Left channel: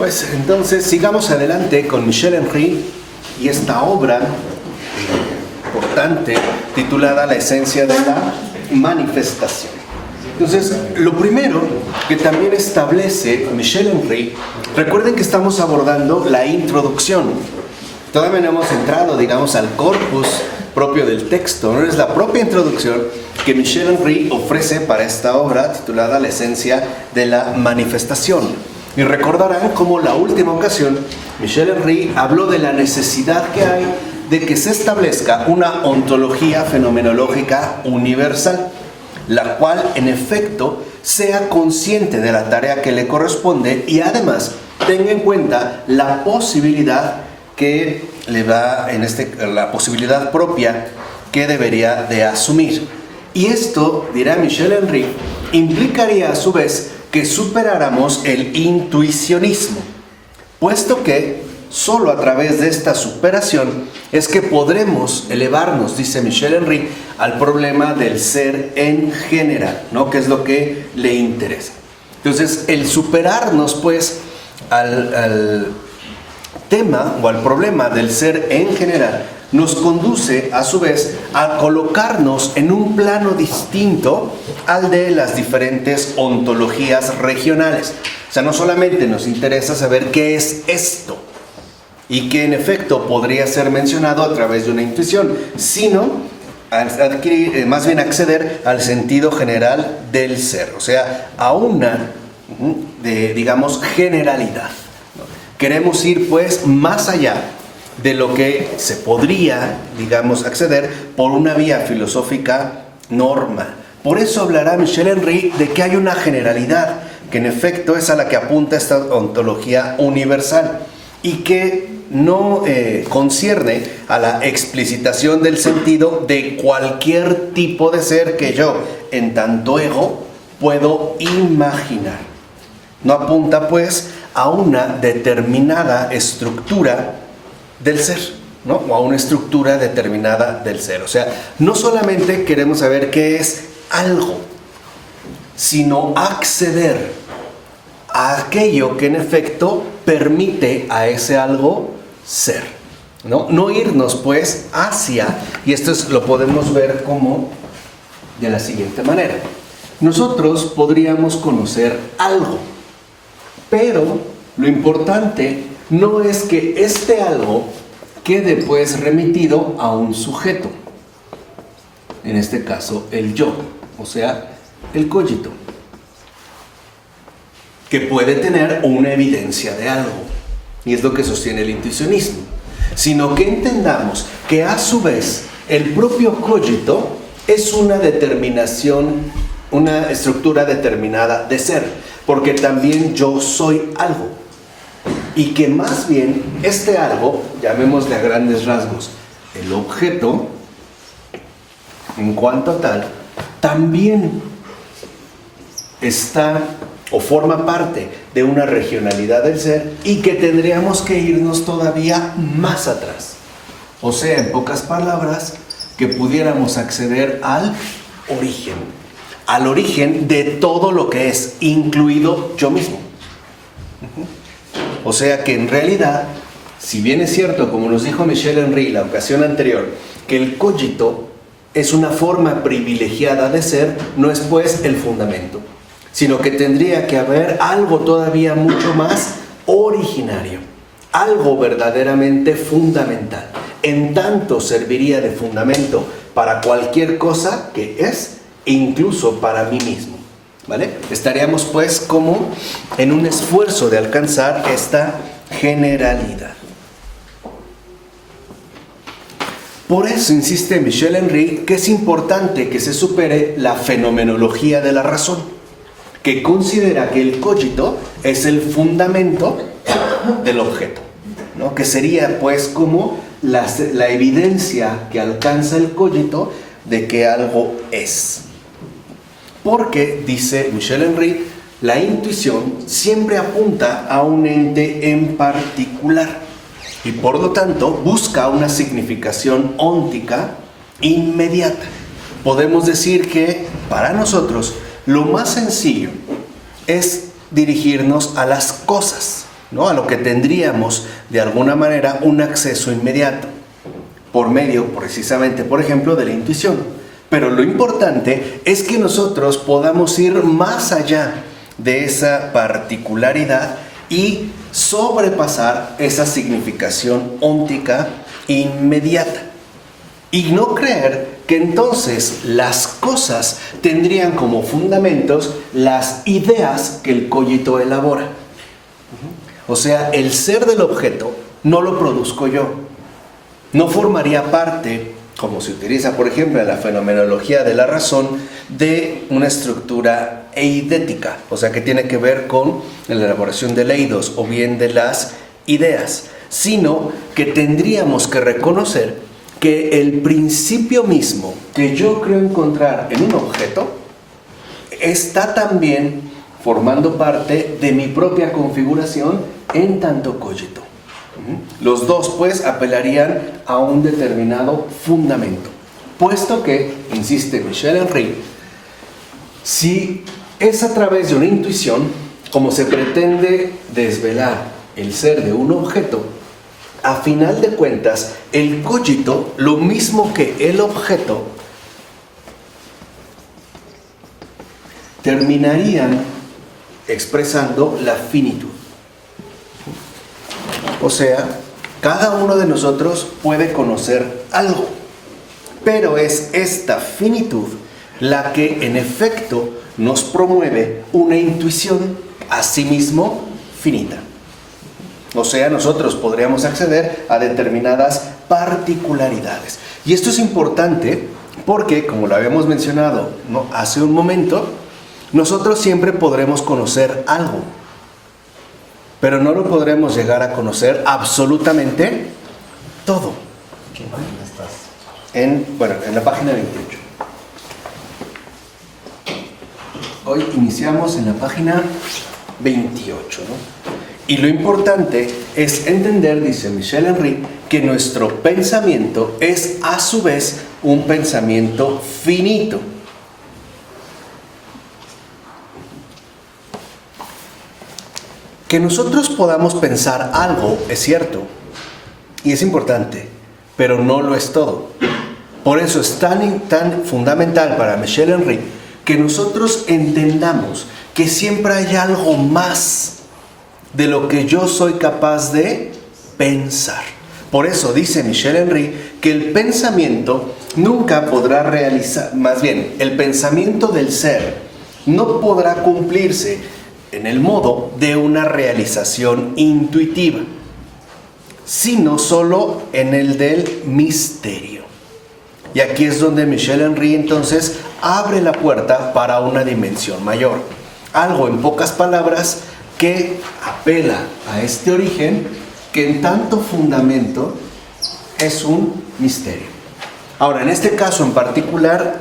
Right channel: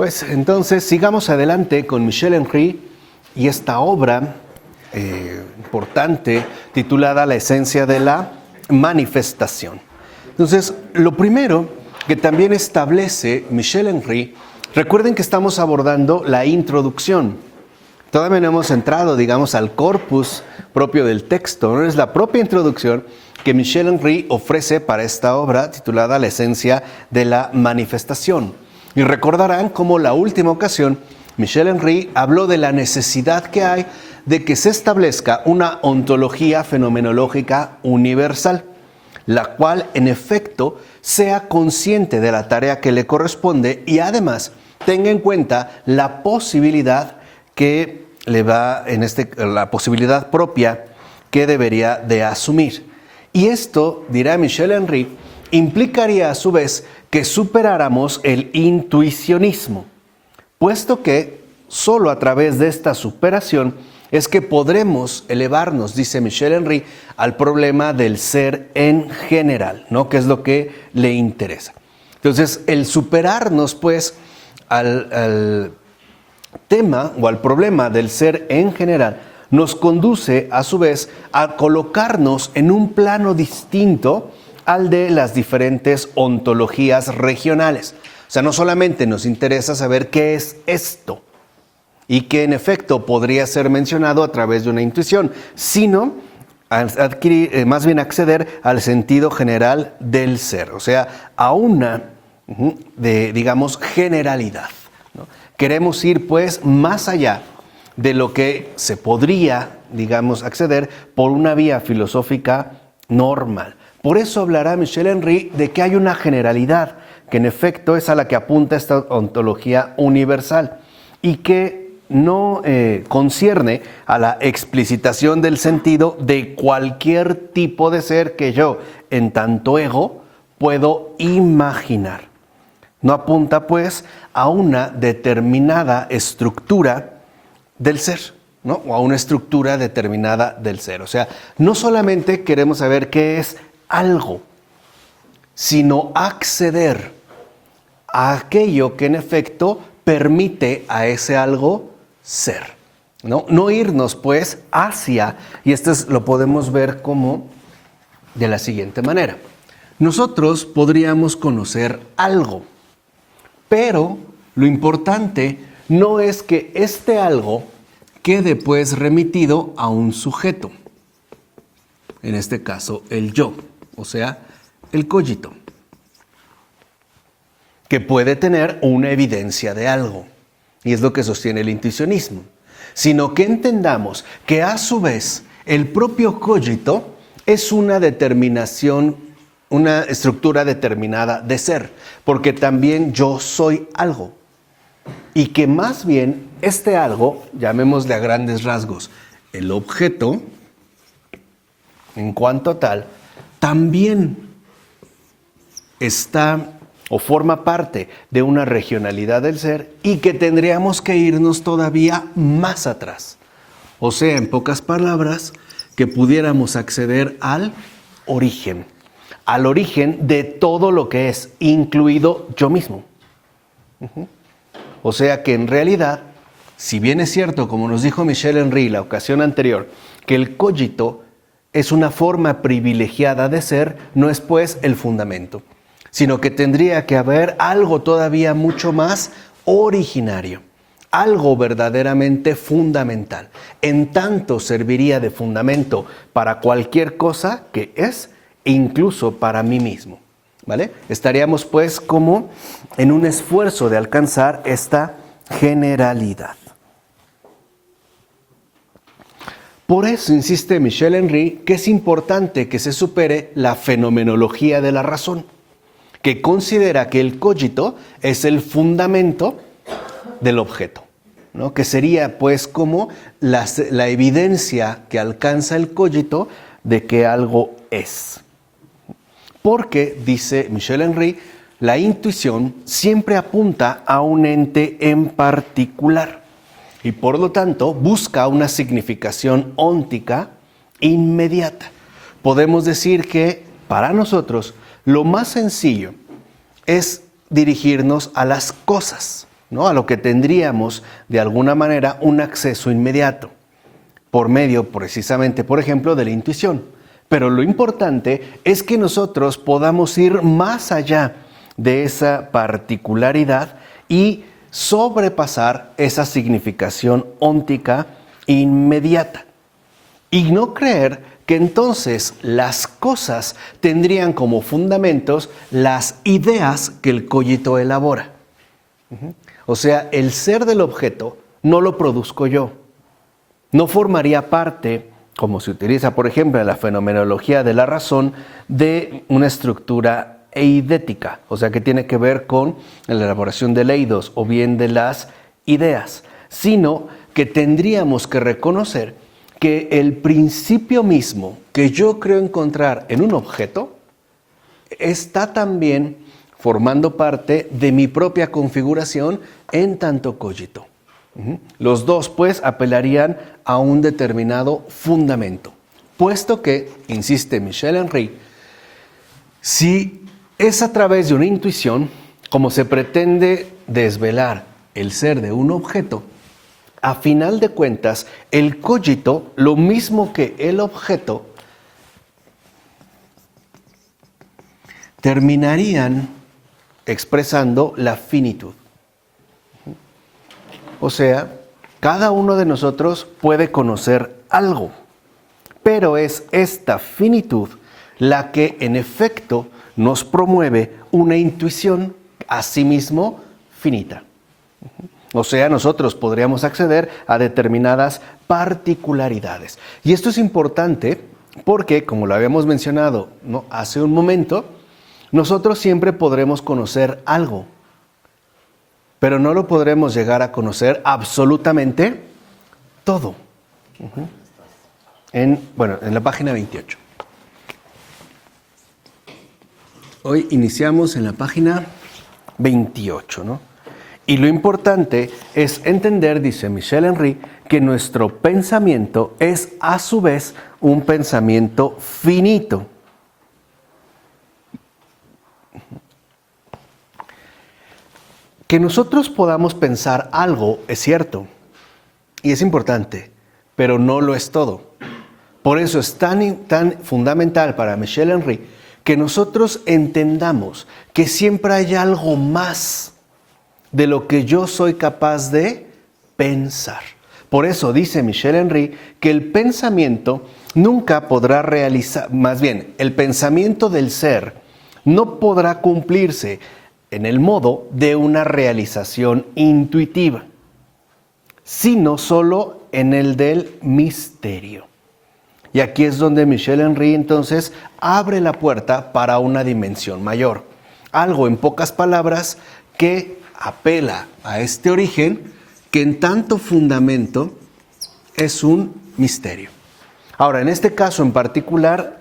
Pues entonces sigamos adelante con Michel Henry y esta obra importante titulada La esencia de la manifestación. Entonces, lo primero que también establece Michel Henry, recuerden que estamos abordando la introducción. Todavía no hemos entrado, digamos, al corpus propio del texto, ¿no? Es la propia introducción que Michel Henry ofrece para esta obra titulada La esencia de la manifestación. Y recordarán cómo la última ocasión Michel Henry habló de la necesidad que hay de que se establezca una ontología fenomenológica universal, la cual en efecto sea consciente de la tarea que le corresponde y además tenga en cuenta la posibilidad que le va, la posibilidad propia que debería de asumir. Y esto, dirá Michel Henry, implicaría a su vez que superáramos el intuicionismo, puesto que solo a través de esta superación es que podremos elevarnos, dice Michel Henry, al problema del ser en general, ¿no? Que es lo que le interesa. Entonces, el superarnos, pues, al tema o al problema del ser en general nos conduce a su vez a colocarnos en un plano distinto al de las diferentes ontologías regionales. O sea, no solamente nos interesa saber qué es esto y que en efecto podría ser mencionado a través de una intuición, sino adquirir, más bien acceder al sentido general del ser, o sea, a una digamos, generalidad. Queremos ir pues más allá de lo que se podría, digamos, acceder por una vía filosófica normal. Por eso hablará Michel Henry de que hay una generalidad, que en efecto es a la que apunta esta ontología universal y que no concierne a la explicitación del sentido de cualquier tipo de ser que yo, en tanto ego, puedo imaginar. No apunta pues a una determinada estructura del ser, ¿no? O a una estructura determinada del ser. O sea, no solamente queremos saber qué es algo, sino acceder a aquello que en efecto permite a ese algo ser, ¿no? No irnos pues hacia, y esto lo podemos ver como de la siguiente manera. Nosotros podríamos conocer algo, pero lo importante no es que este algo quede pues remitido a un sujeto, en este caso el yo, o sea, el cogito, que puede tener una evidencia de algo, y es lo que sostiene el intuicionismo, sino que entendamos que a su vez el propio cogito es una determinación, una estructura determinada de ser, porque también yo soy algo. Y que más bien este algo, llamémosle a grandes rasgos, el objeto, en cuanto a tal, también está o forma parte de una regionalidad del ser y que tendríamos que irnos todavía más atrás. O sea, en pocas palabras, que pudiéramos acceder al origen de todo lo que es, incluido yo mismo. O sea que en realidad, si bien es cierto, como nos dijo Michel Henry la ocasión anterior, que el cogito es una forma privilegiada de ser, no es pues el fundamento, sino que tendría que haber algo todavía mucho más originario, algo verdaderamente fundamental. En tanto serviría de fundamento para cualquier cosa que es, incluso para mí mismo. ¿Vale? Estaríamos pues como en un esfuerzo de alcanzar esta generalidad. Por eso insiste Michel Henry que es importante que se supere la fenomenología de la razón, que considera que el cogito es el fundamento del objeto, ¿no? Que sería pues como la evidencia que alcanza el cogito de que algo es. Porque, dice Michel Henry, la intuición siempre apunta a un ente en particular y por lo tanto busca una significación óntica inmediata. Podemos decir que para nosotros lo más sencillo es dirigirnos a las cosas, ¿no? A lo que tendríamos de alguna manera un acceso inmediato, por medio precisamente, por ejemplo, de la intuición. Pero lo importante es que nosotros podamos ir más allá de esa particularidad y sobrepasar esa significación óntica inmediata. Y no creer que entonces las cosas tendrían como fundamentos las ideas que el cogito elabora. O sea, el ser del objeto no lo produzco yo. No formaría parte, como se utiliza por ejemplo en la fenomenología de la razón, de una estructura eidética. O sea, que tiene que ver con la elaboración de eidos o bien de las ideas. Sino que tendríamos que reconocer que el principio mismo que yo creo encontrar en un objeto está también formando parte de mi propia configuración en tanto cogito. Los dos pues apelarían a un determinado fundamento, puesto que, insiste Michel Henry, si es a través de una intuición como se pretende desvelar el ser de un objeto, a final de cuentas, el cogito, lo mismo que el objeto, terminarían expresando la finitud. O sea, cada uno de nosotros puede conocer algo, pero es esta finitud la que en efecto nos promueve una intuición asimismo finita. O sea, nosotros podríamos acceder a determinadas particularidades. Y esto es importante porque, como lo habíamos mencionado, ¿no?, hace un momento, nosotros siempre podremos conocer algo, pero no lo podremos llegar a conocer absolutamente todo. ¿Qué página estás? En la página 28. Hoy iniciamos en la página 28, ¿no? Y lo importante es entender, dice Michel Henry, que nuestro pensamiento es a su vez un pensamiento finito. Que nosotros podamos pensar algo es cierto y es importante, pero no lo es todo. Por eso es tan fundamental para Michel Henry que nosotros entendamos que siempre hay algo más de lo que yo soy capaz de pensar. Por eso dice Michel Henry que el pensamiento nunca podrá realizar, más bien, el pensamiento del ser no podrá cumplirse en el modo de una realización intuitiva, sino solo en el del misterio. Y aquí es donde Michel Henry entonces abre la puerta para una dimensión mayor. Algo, en pocas palabras, que apela a este origen que en tanto fundamento es un misterio. Ahora, en este caso en particular,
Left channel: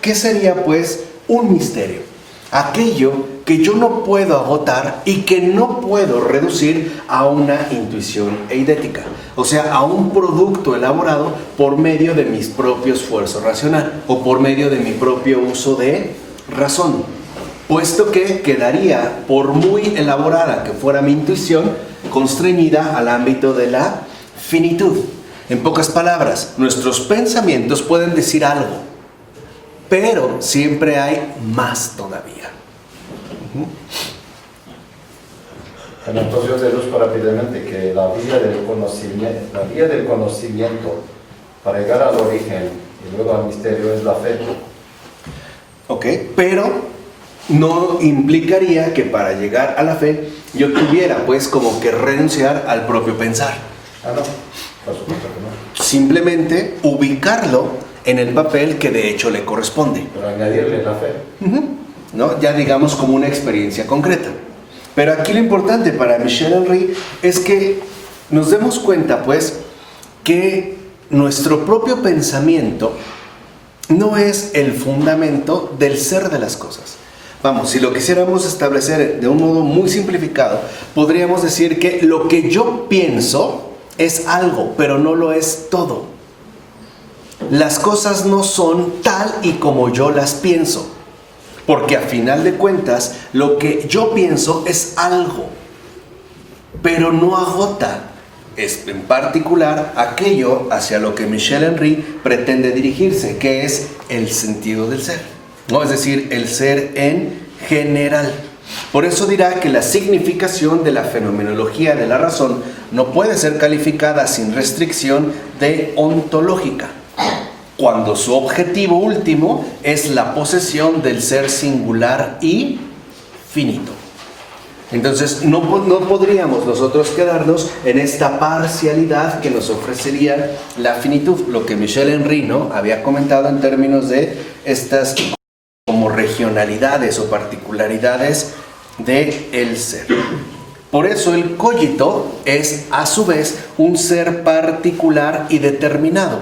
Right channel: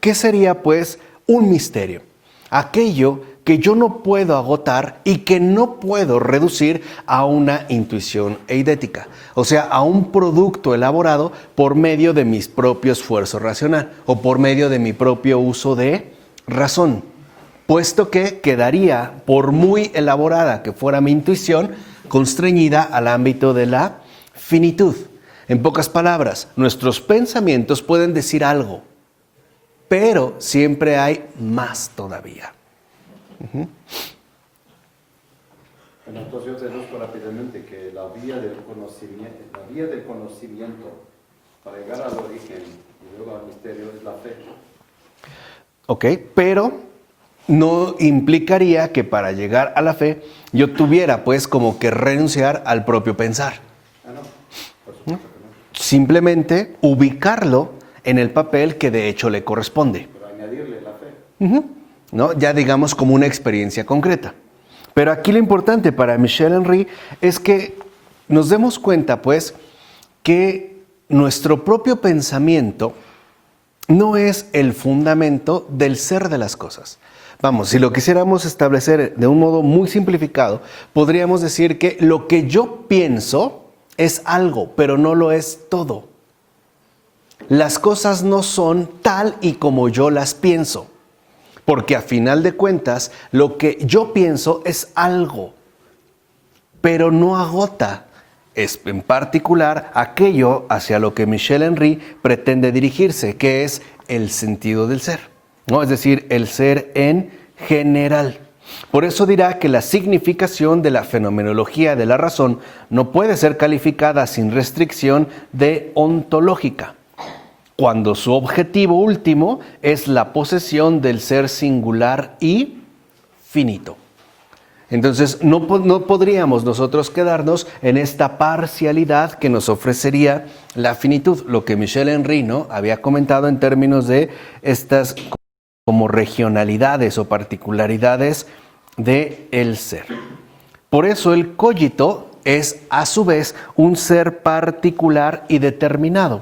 ¿qué sería pues un misterio? Aquello que yo no puedo agotar y que no puedo reducir a una intuición eidética, o sea, a un producto elaborado por medio de mis propios esfuerzos racional o por medio de mi propio uso de razón, puesto que quedaría, por muy elaborada que fuera mi intuición, constreñida al ámbito de la finitud. En pocas palabras, nuestros pensamientos pueden decir algo, pero siempre hay más todavía. Bueno, entonces yo deduzco rápidamente que la vía del conocimiento para llegar al origen y luego al misterio es la fe. Ok, pero no implicaría que para llegar a la fe yo tuviera pues como que renunciar al propio pensar. Ah, no, por supuesto que no. Simplemente ubicarlo en el papel que de hecho le corresponde. Pero añadirle la fe. ¿No? Ya digamos como una experiencia concreta. Pero aquí lo importante para Michel Henry es que nos demos cuenta pues que nuestro propio pensamiento no es el fundamento del ser de las cosas. Vamos, si lo quisiéramos establecer de un modo muy simplificado, podríamos decir que lo que yo pienso es algo, pero no lo es todo. Las cosas no son tal y como yo las pienso, porque a final de cuentas lo que yo pienso es algo. pero no agota, es en particular aquello hacia lo que Michel Henry pretende dirigirse, que es el sentido del ser, ¿no? Es decir, el ser en general. Por eso dirá que la significación de la fenomenología de la razón no puede ser calificada sin restricción de ontológica, cuando su objetivo último es la posesión del ser singular y finito. Entonces no podríamos nosotros quedarnos en esta parcialidad que nos ofrecería la finitud, lo que Michel Henry, ¿no?, había comentado en términos de estas como regionalidades o particularidades del ser. Por eso el cogito es a su vez un ser particular y determinado.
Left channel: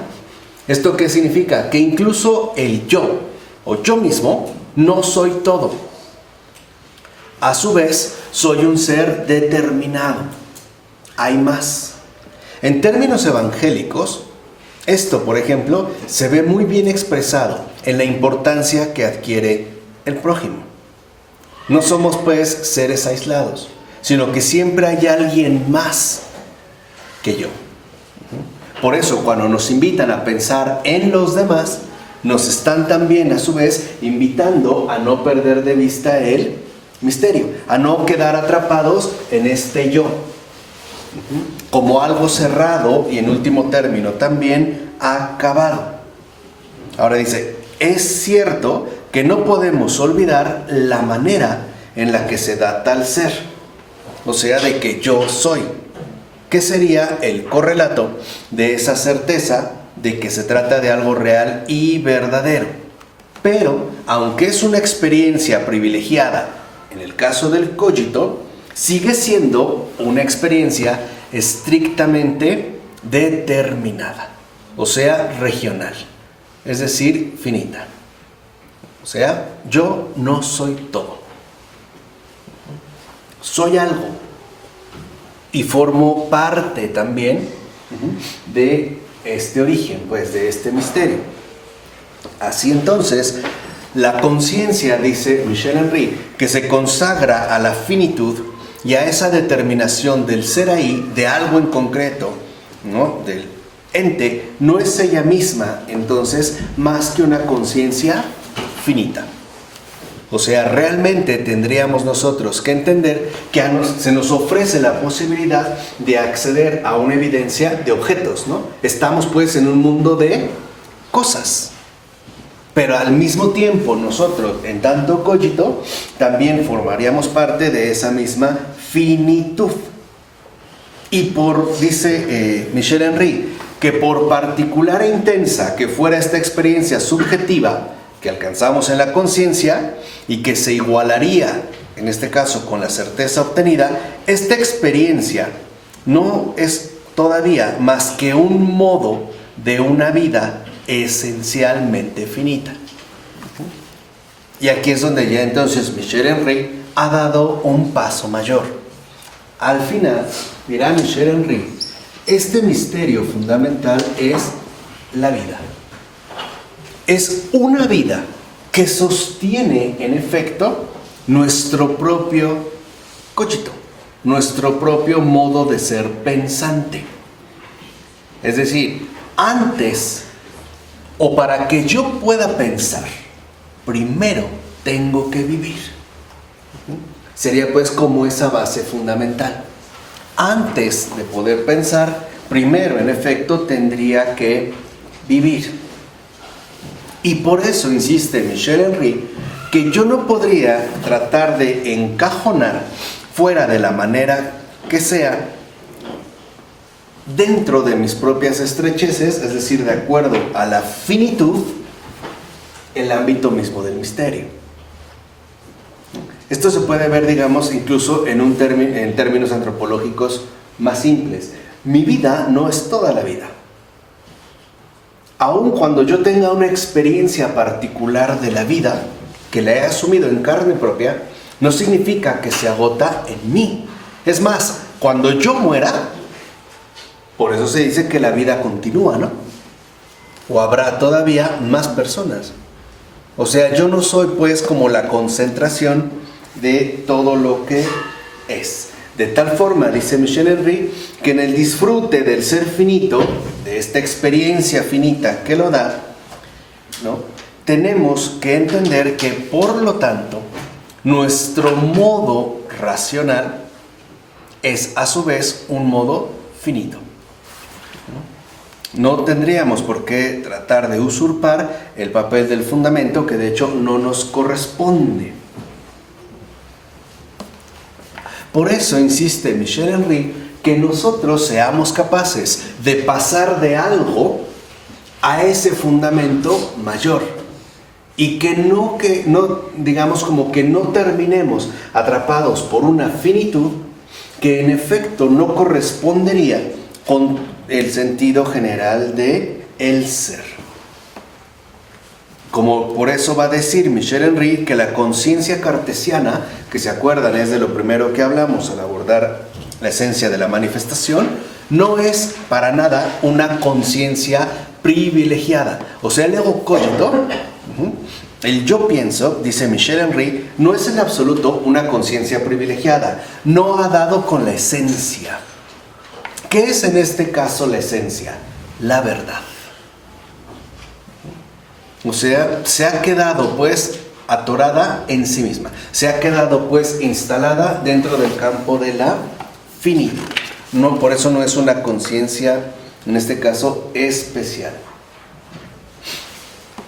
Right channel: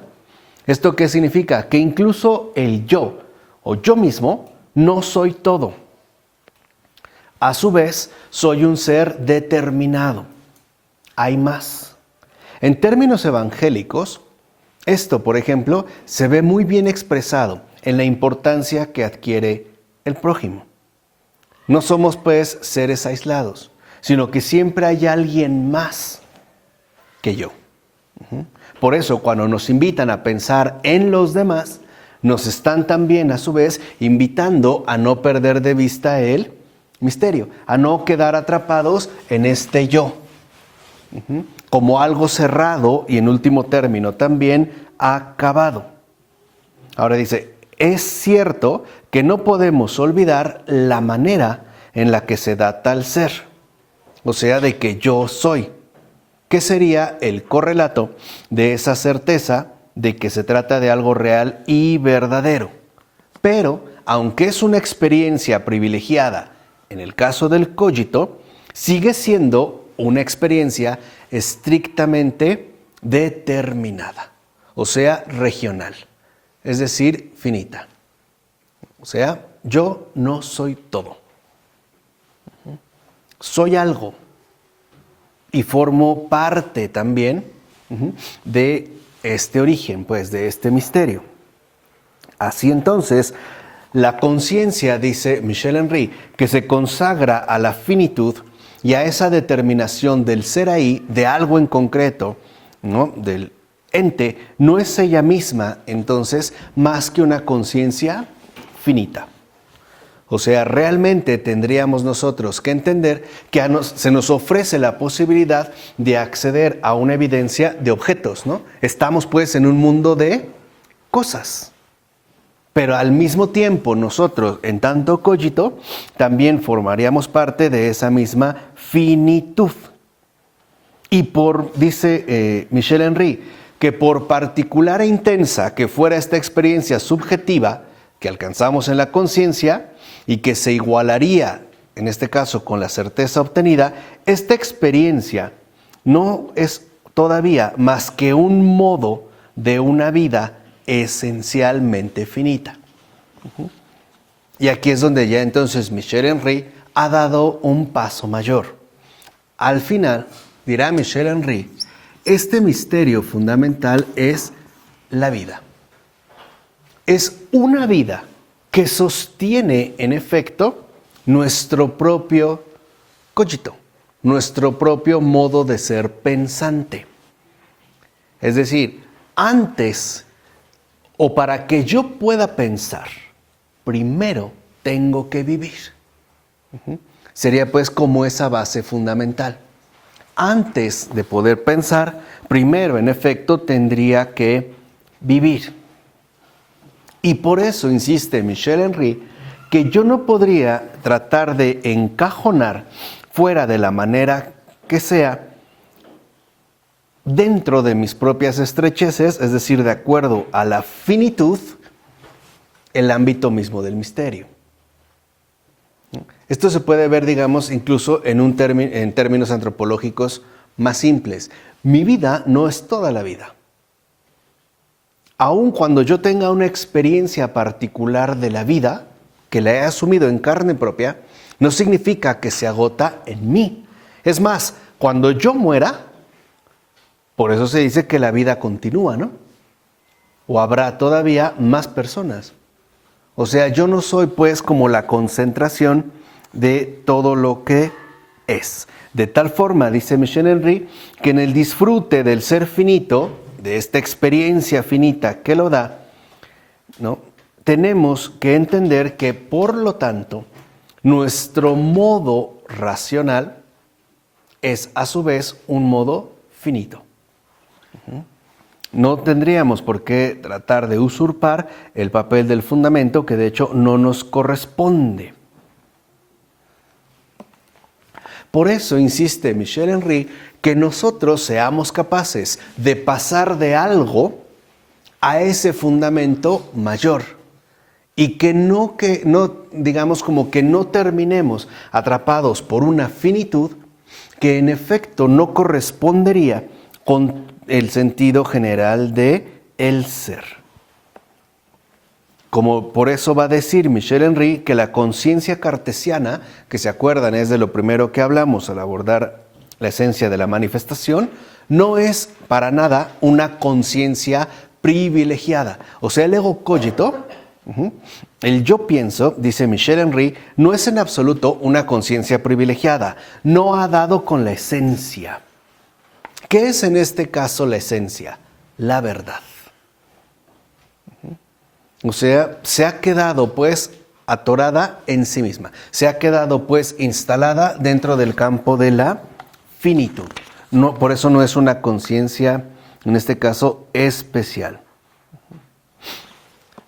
¿Esto qué significa? Que incluso el yo o yo mismo no soy todo. A su vez, soy un ser determinado. Hay más. En términos evangélicos, esto, por ejemplo, se ve muy bien expresado en la importancia que adquiere el prójimo. No somos, pues, seres aislados, sino que siempre hay alguien más que yo. Por eso, cuando nos invitan a pensar en los demás, nos están también, a su vez, invitando a no perder de vista el misterio, a no quedar atrapados en este yo, como algo cerrado y en último término también acabado. Ahora dice, es cierto que no podemos olvidar la manera en la que se da tal ser, o sea, de que yo soy, que sería el correlato de esa certeza de que se trata de algo real y verdadero. Pero, aunque es una experiencia privilegiada, en el caso del cogito, sigue siendo una experiencia estrictamente determinada, o sea, regional, es decir, finita. O sea, yo no soy todo. Soy algo y formo parte también de este origen, pues, de este misterio. Así entonces, la conciencia, dice Michel Henry, que se consagra a la finitud y a esa determinación del ser ahí, de algo en concreto, ¿no?, del ente, no es ella misma, entonces, más que una conciencia finita. O sea, realmente tendríamos nosotros que entender que se nos ofrece la posibilidad de acceder a una evidencia de objetos, ¿no? Estamos, pues, en un mundo de cosas. Pero al mismo tiempo nosotros, en tanto cogito, también formaríamos parte de esa misma finitud. Y dice Michel Henry, que por particular e intensa que fuera esta experiencia subjetiva que alcanzamos en la conciencia y que se igualaría, en este caso, con la certeza obtenida, esta experiencia no es todavía más que un modo de una vida esencialmente finita. Y aquí es donde ya entonces Michel Henry ha dado un paso mayor. Al final, dirá Michel Henry, este misterio fundamental es la vida. Es una vida que sostiene, en efecto, nuestro propio cogito, nuestro propio modo de ser pensante. Es decir, antes, o para que yo pueda pensar, primero tengo que vivir. Sería, pues, como esa base fundamental. Antes de poder pensar, primero, en efecto, tendría que vivir. Y por eso insiste Michel Henry que yo no podría tratar de encajonar fuera de la manera que sea dentro de mis propias estrecheces, es decir, de acuerdo a la finitud, el ámbito mismo del misterio. Esto se puede ver, digamos, incluso en términos antropológicos más simples. Mi vida no es toda la vida. Aun cuando yo tenga una experiencia particular de la vida, que la he asumido en carne propia, no significa que se agota en mí. Es más, cuando yo muera, por eso se dice que la vida continúa, ¿no? O habrá todavía más personas. O sea, yo no soy, pues, como la concentración de todo lo que es. De tal forma, dice Michel Henry, que en el disfrute del ser finito, de esta experiencia finita que lo da, ¿no?, tenemos que entender que, por lo tanto, nuestro modo racional es a su vez un modo finito. No tendríamos por qué tratar de usurpar el papel del fundamento, que de hecho no nos corresponde. Por eso insiste Michel Henry que nosotros seamos capaces de pasar de algo a ese fundamento mayor y que no digamos como que no terminemos atrapados por una finitud que en efecto no correspondería con el sentido general de el ser. Como por eso va a decir Michel Henry que la conciencia cartesiana, que se acuerdan es de lo primero que hablamos al abordar la esencia de la manifestación, no es para nada una conciencia privilegiada. O sea, el ego cogito, el yo pienso, dice Michel Henry, no es en absoluto una conciencia privilegiada. No ha dado con la esencia. ¿Qué es en este caso la esencia? La verdad. O sea, se ha quedado pues atorada en sí misma. Se ha quedado pues instalada dentro del campo de la finitud. No, por eso no es una conciencia, en este caso, especial.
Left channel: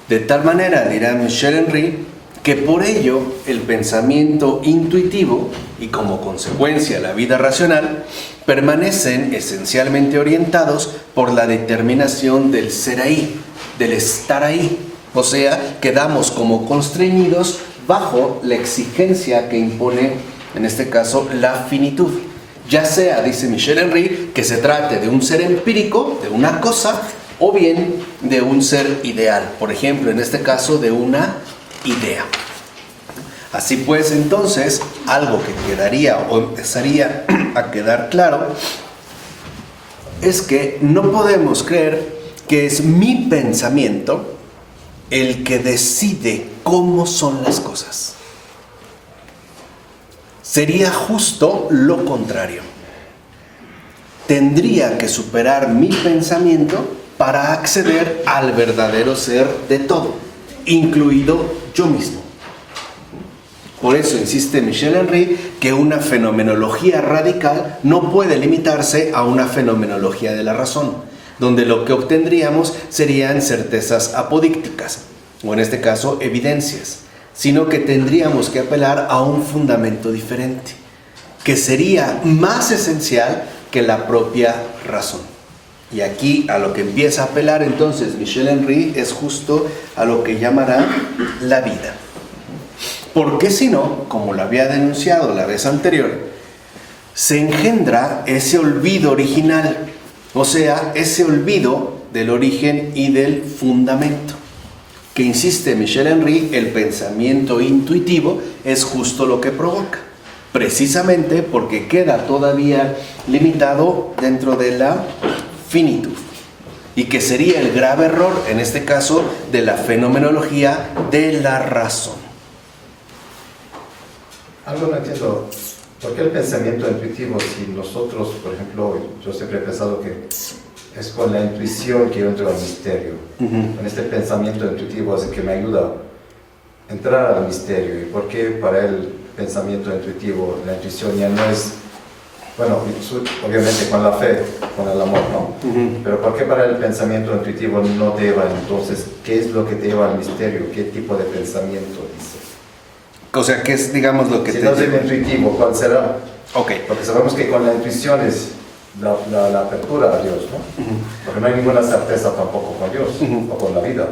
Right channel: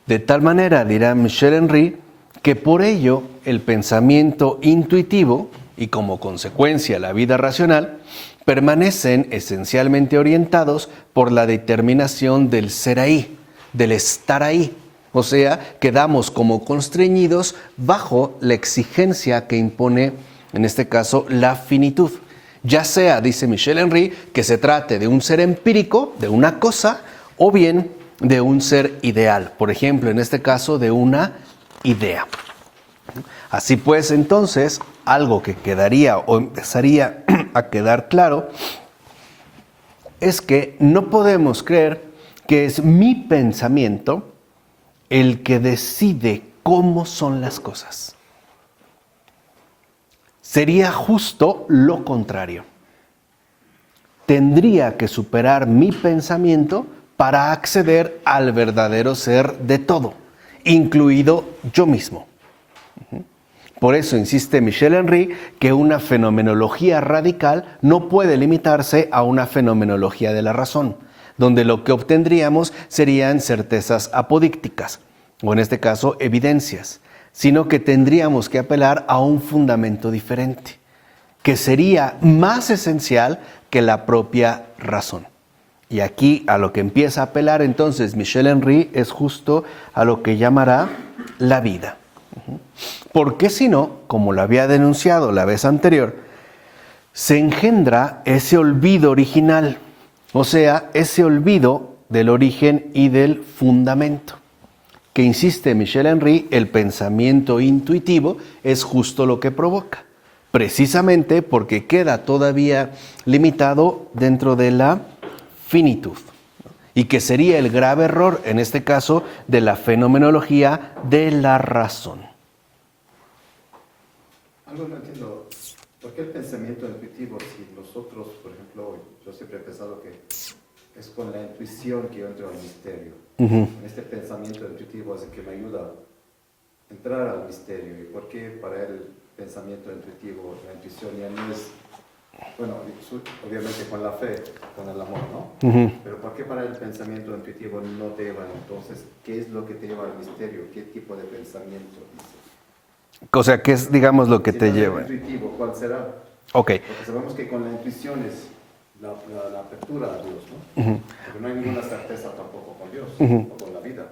De tal manera, dirá Michel Henry, que por ello el pensamiento intuitivo y como consecuencia la vida racional permanecen esencialmente orientados por la determinación del ser ahí, del estar ahí. O sea, quedamos como constreñidos bajo la exigencia que impone, en este caso, la finitud. Ya sea, dice Michel Henry, que se trate de un ser empírico, de una cosa, o bien de un ser ideal. Por ejemplo, en este caso, de una idea. Así pues, entonces, algo que quedaría o empezaría a quedar claro es que no podemos creer que es mi pensamiento el que decide cómo son las cosas. Sería justo lo contrario. Tendría que superar mi pensamiento para acceder al verdadero ser de todo, incluido yo mismo. Por eso insiste Michel Henry que una fenomenología radical no puede limitarse a una fenomenología de la razón, donde lo que obtendríamos serían certezas apodícticas, o en este caso evidencias, sino que tendríamos que apelar a un fundamento diferente, que sería más esencial que la propia razón. Y aquí a lo que empieza a apelar entonces Michel Henry es justo a lo que llamará la vida. Porque si no, como lo había denunciado la vez anterior, se engendra ese olvido original, o sea, ese olvido del origen y del fundamento. Que insiste Michel Henry, el pensamiento intuitivo es justo lo que provoca, precisamente porque queda todavía limitado dentro de la finitud. Y que sería el grave error, en este caso, de la fenomenología de la razón. Algo no entiendo. ¿Por qué el pensamiento intuitivo si nosotros, por ejemplo, yo siempre he pensado que es con la intuición que yo entro al misterio? Con este pensamiento intuitivo es el que me ayuda a entrar al misterio. ¿Y por qué para el pensamiento intuitivo la intuición ya no es, bueno, obviamente con la fe, con el amor, ¿no? Pero ¿por qué para el pensamiento intuitivo no te lleva? Entonces, ¿qué es lo que te lleva al misterio? ¿Qué tipo de pensamiento dice? O sea, ¿qué es, digamos, lo que si te no lleva? es intuitivo, ¿cuál será? Ok. Porque sabemos que con la intuición es la apertura a Dios, ¿no? Porque no hay ninguna certeza tampoco con Dios o con la vida.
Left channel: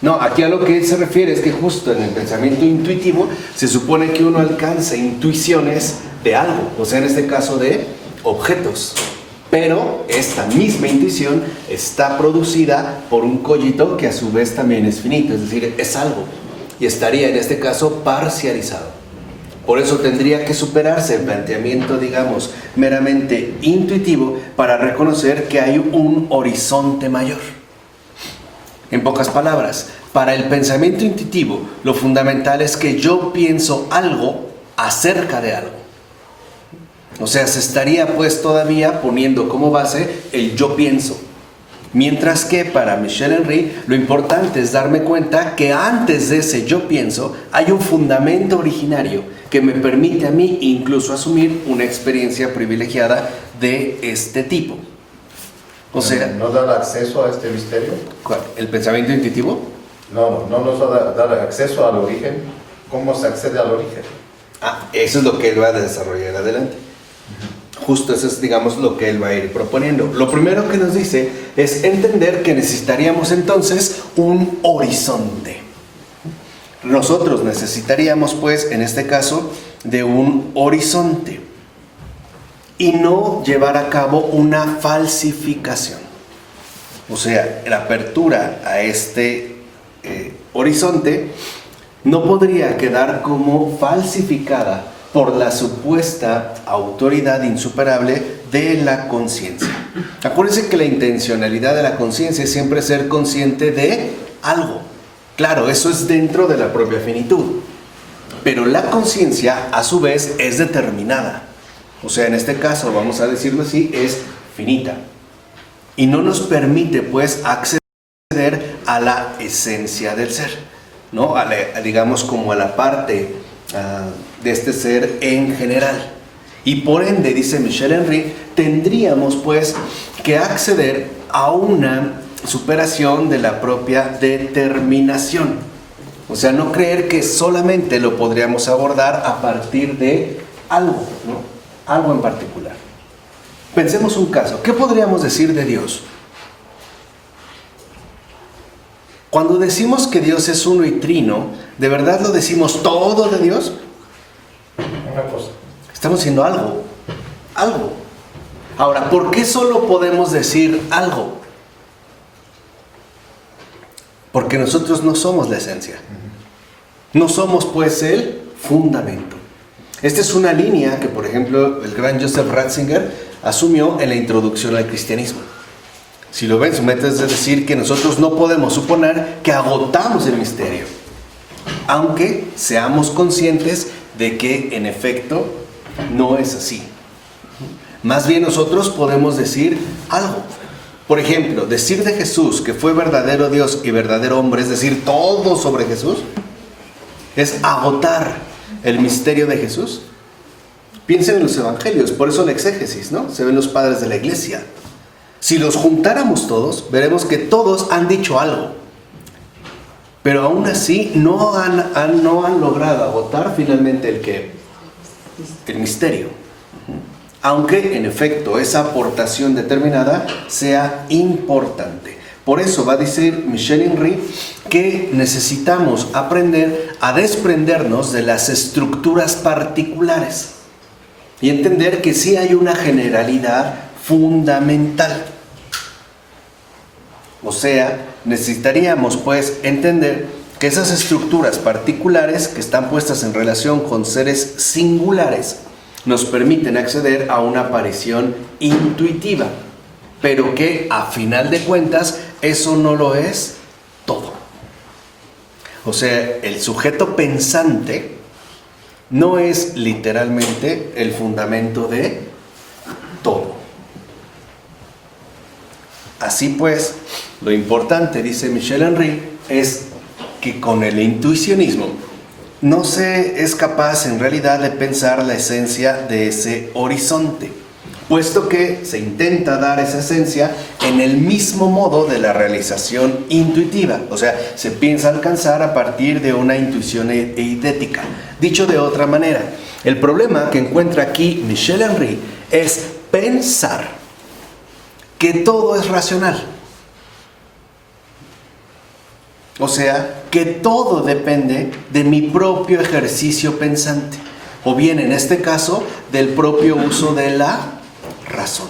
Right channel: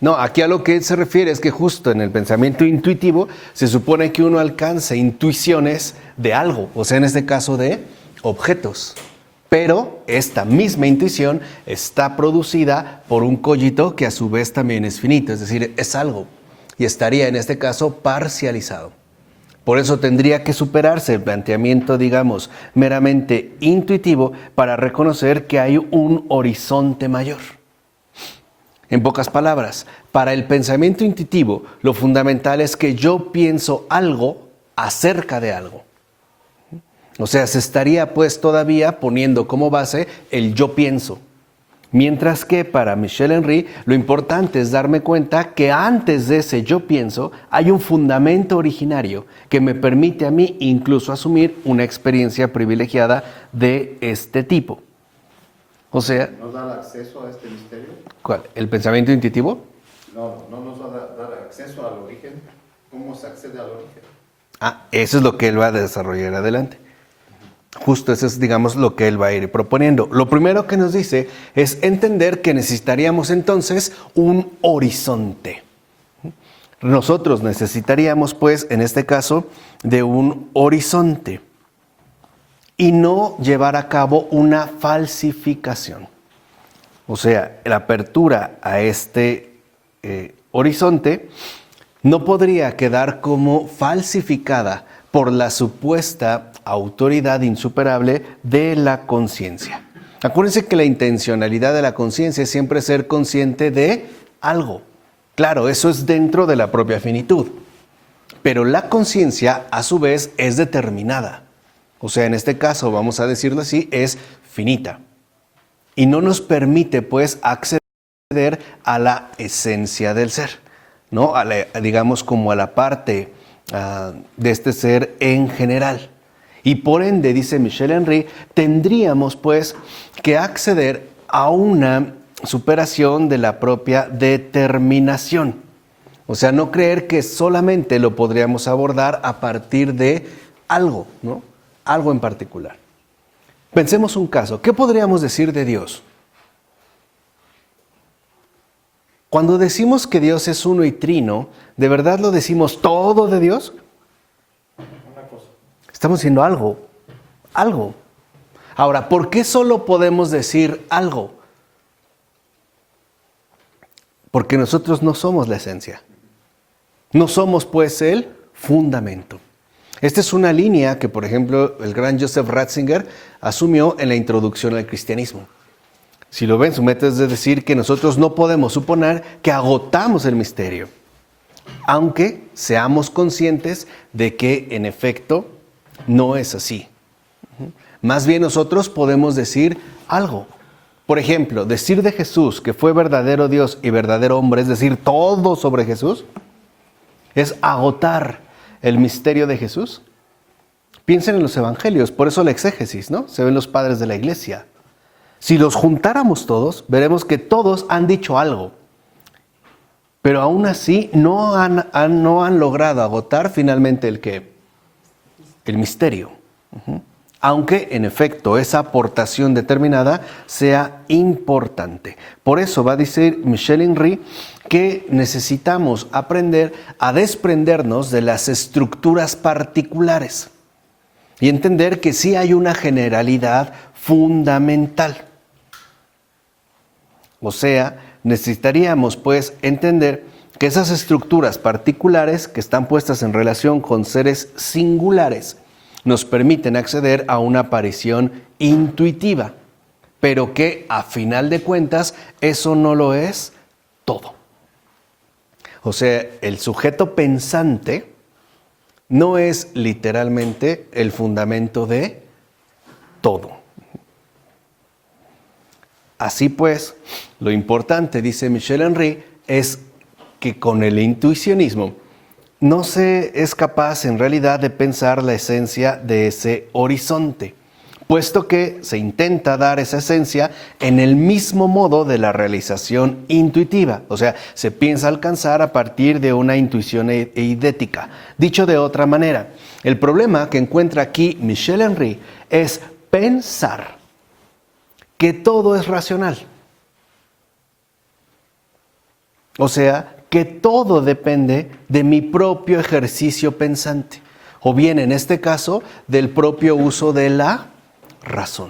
No, aquí a lo que él se refiere es que justo en el pensamiento intuitivo se supone que uno alcanza intuiciones de algo, o sea, en este caso de objetos. Pero esta misma intuición está producida por un cogito que a su vez también es finito, es decir, es algo. Y estaría en este caso parcializado. Por eso tendría que superarse el planteamiento, digamos, meramente intuitivo para reconocer que hay un horizonte mayor. En pocas palabras, para el pensamiento intuitivo, lo fundamental es que yo pienso algo acerca de algo. O sea, se estaría pues todavía poniendo como base el yo pienso. Mientras que para Michel Henry lo importante es darme cuenta que antes de ese yo pienso hay un fundamento originario que me permite a mí incluso asumir una experiencia privilegiada de este tipo. O sea, ¿No da acceso a este misterio? ¿cuál? ¿El pensamiento intuitivo? No nos va a dar acceso al origen. ¿Cómo se accede al origen? Eso es lo que él va a desarrollar adelante. Justo eso es, digamos, lo que él va a ir proponiendo. Lo primero que nos dice es entender que necesitaríamos entonces un horizonte. Nosotros necesitaríamos, pues, en este caso, de un horizonte y no llevar a cabo una falsificación. O sea, la apertura a este horizonte no podría quedar como falsificada por la supuesta autoridad insuperable de la conciencia. Acuérdense que la intencionalidad de la conciencia es siempre ser consciente de algo. Claro, eso es dentro de la propia finitud. Pero la conciencia, a su vez, es determinada. O sea, en este caso, vamos a decirlo así, es finita. Y no nos permite, pues, acceder a la esencia del ser, ¿no? Digamos, como a la parte de este ser en general. Y por ende, dice Michel Henry, tendríamos pues que acceder a una superación de la propia determinación. O sea, no creer que solamente lo podríamos abordar a partir de algo, ¿no? Algo en particular. Pensemos un caso. ¿Qué podríamos decir de Dios? Cuando decimos que Dios es uno y trino, ¿de verdad lo decimos todo de Dios? Una cosa. Estamos diciendo algo. Algo. Ahora, ¿por qué solo podemos decir algo? Porque nosotros no somos la esencia. No somos, pues, el fundamento. Esta es una línea que, por ejemplo, el gran Joseph Ratzinger asumió en la introducción al cristianismo. Si lo ven, su método es decir que nosotros no podemos suponer que agotamos el misterio, aunque seamos conscientes de que en efecto no es así. Más bien nosotros podemos decir algo. Por ejemplo, decir de Jesús que fue verdadero Dios y verdadero hombre, es decir, todo sobre Jesús, es agotar el misterio de Jesús. Piensen en los evangelios, por eso la exégesis, ¿no? Se ven los padres de la iglesia. Si los juntáramos todos, veremos que todos han dicho algo. Pero aún así no han logrado agotar finalmente el misterio. Aunque en efecto esa aportación determinada sea importante. Por eso va a decir Michel Henry que necesitamos aprender a desprendernos de las estructuras particulares y entender que sí hay una generalidad fundamental. O sea, necesitaríamos pues entender que esas estructuras particulares que están puestas en relación con seres singulares nos permiten acceder a una aparición intuitiva, pero que a final de cuentas eso no lo es todo. O sea, el sujeto pensante no es literalmente el fundamento de todo. Así pues, lo importante, dice Michel Henry, es que con el intuicionismo no se es capaz en realidad de pensar la esencia de ese horizonte, puesto que se intenta dar esa esencia en el mismo modo de la realización intuitiva. O sea, se piensa alcanzar a partir de una intuición eidética. Dicho de otra manera, el problema que encuentra aquí Michel Henry es pensar que todo es racional. O sea, que todo depende de mi propio ejercicio pensante, o bien en este caso, del propio uso de la razón.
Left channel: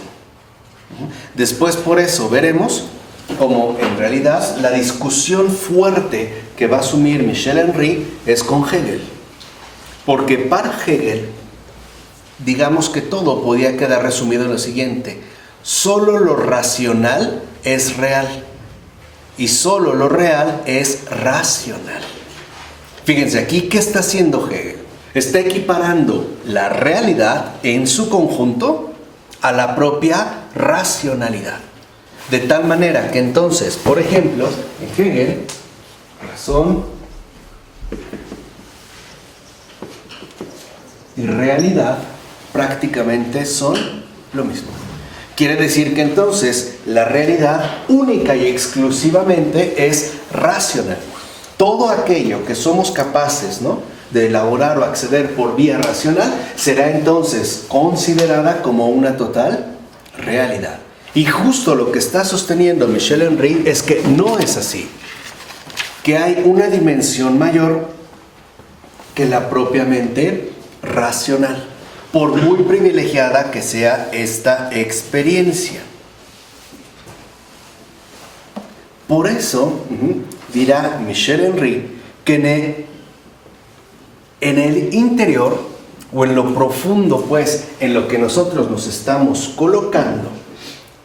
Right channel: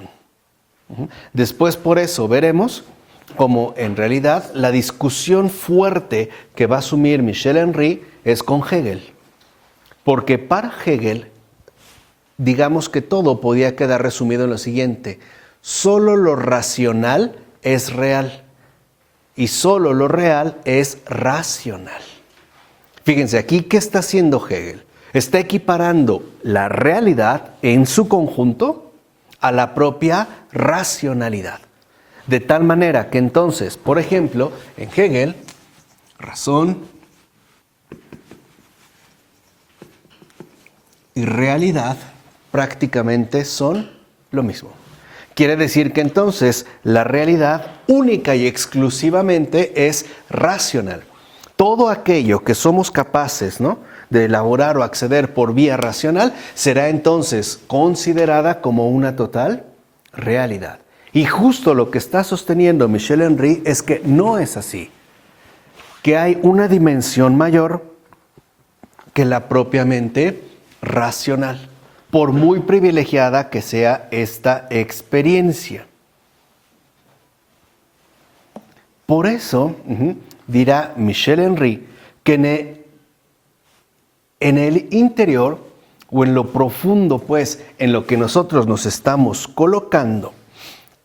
Después por eso veremos cómo en realidad la discusión fuerte que va a asumir Michel Henry es con Hegel. Porque para Hegel, digamos que todo podía quedar resumido en lo siguiente: solo lo racional es real y solo lo real es racional. Fíjense aquí, ¿qué está haciendo Hegel? Está equiparando la realidad en su conjunto a la propia racionalidad. De tal manera que entonces, por ejemplo, en Hegel, razón y realidad prácticamente son lo mismo. Quiere decir que entonces la realidad única y exclusivamente es racional. Todo aquello que somos capaces, ¿no?, de elaborar o acceder por vía racional será entonces considerada como una total realidad. Y justo lo que está sosteniendo Michel Henry es que no es así, que hay una dimensión mayor que la propiamente racional, por muy privilegiada que sea esta experiencia. Por eso, dirá Michel Henry, que en el interior, o en lo profundo, pues, en lo que nosotros nos estamos colocando,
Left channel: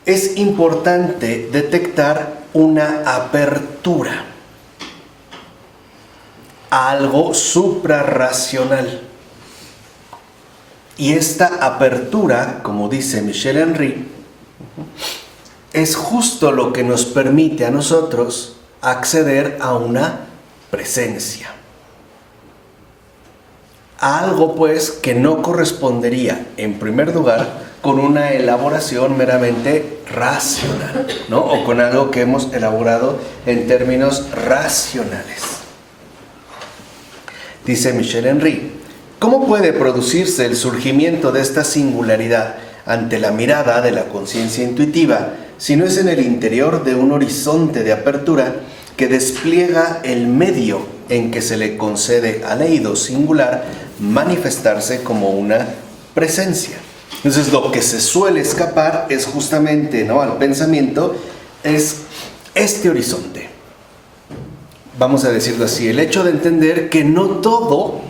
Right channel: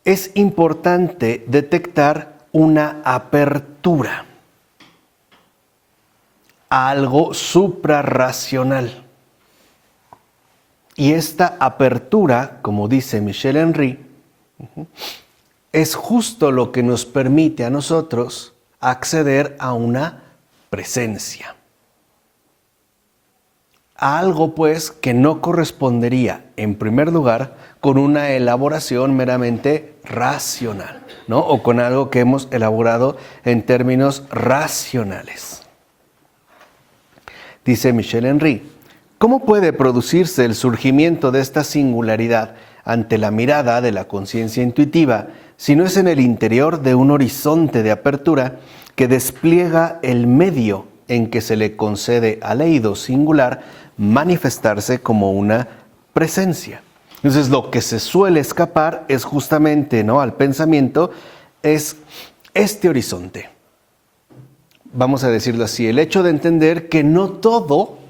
es importante detectar una apertura a algo suprarracional. Y esta apertura, como dice Michel Henry, es justo lo que nos permite a nosotros acceder a una presencia. A algo, pues, que no correspondería, en primer lugar, con una elaboración meramente racional, ¿no? O con algo que hemos elaborado en términos racionales. Dice Michel Henry, ¿cómo puede producirse el surgimiento de esta singularidad ante la mirada de la conciencia intuitiva si no es en el interior de un horizonte de apertura que despliega el medio en que se le concede al leído singular manifestarse como una presencia? Entonces, lo que se suele escapar es justamente, ¿no?, al pensamiento, es este horizonte. Vamos a decirlo así, el hecho de entender que no todo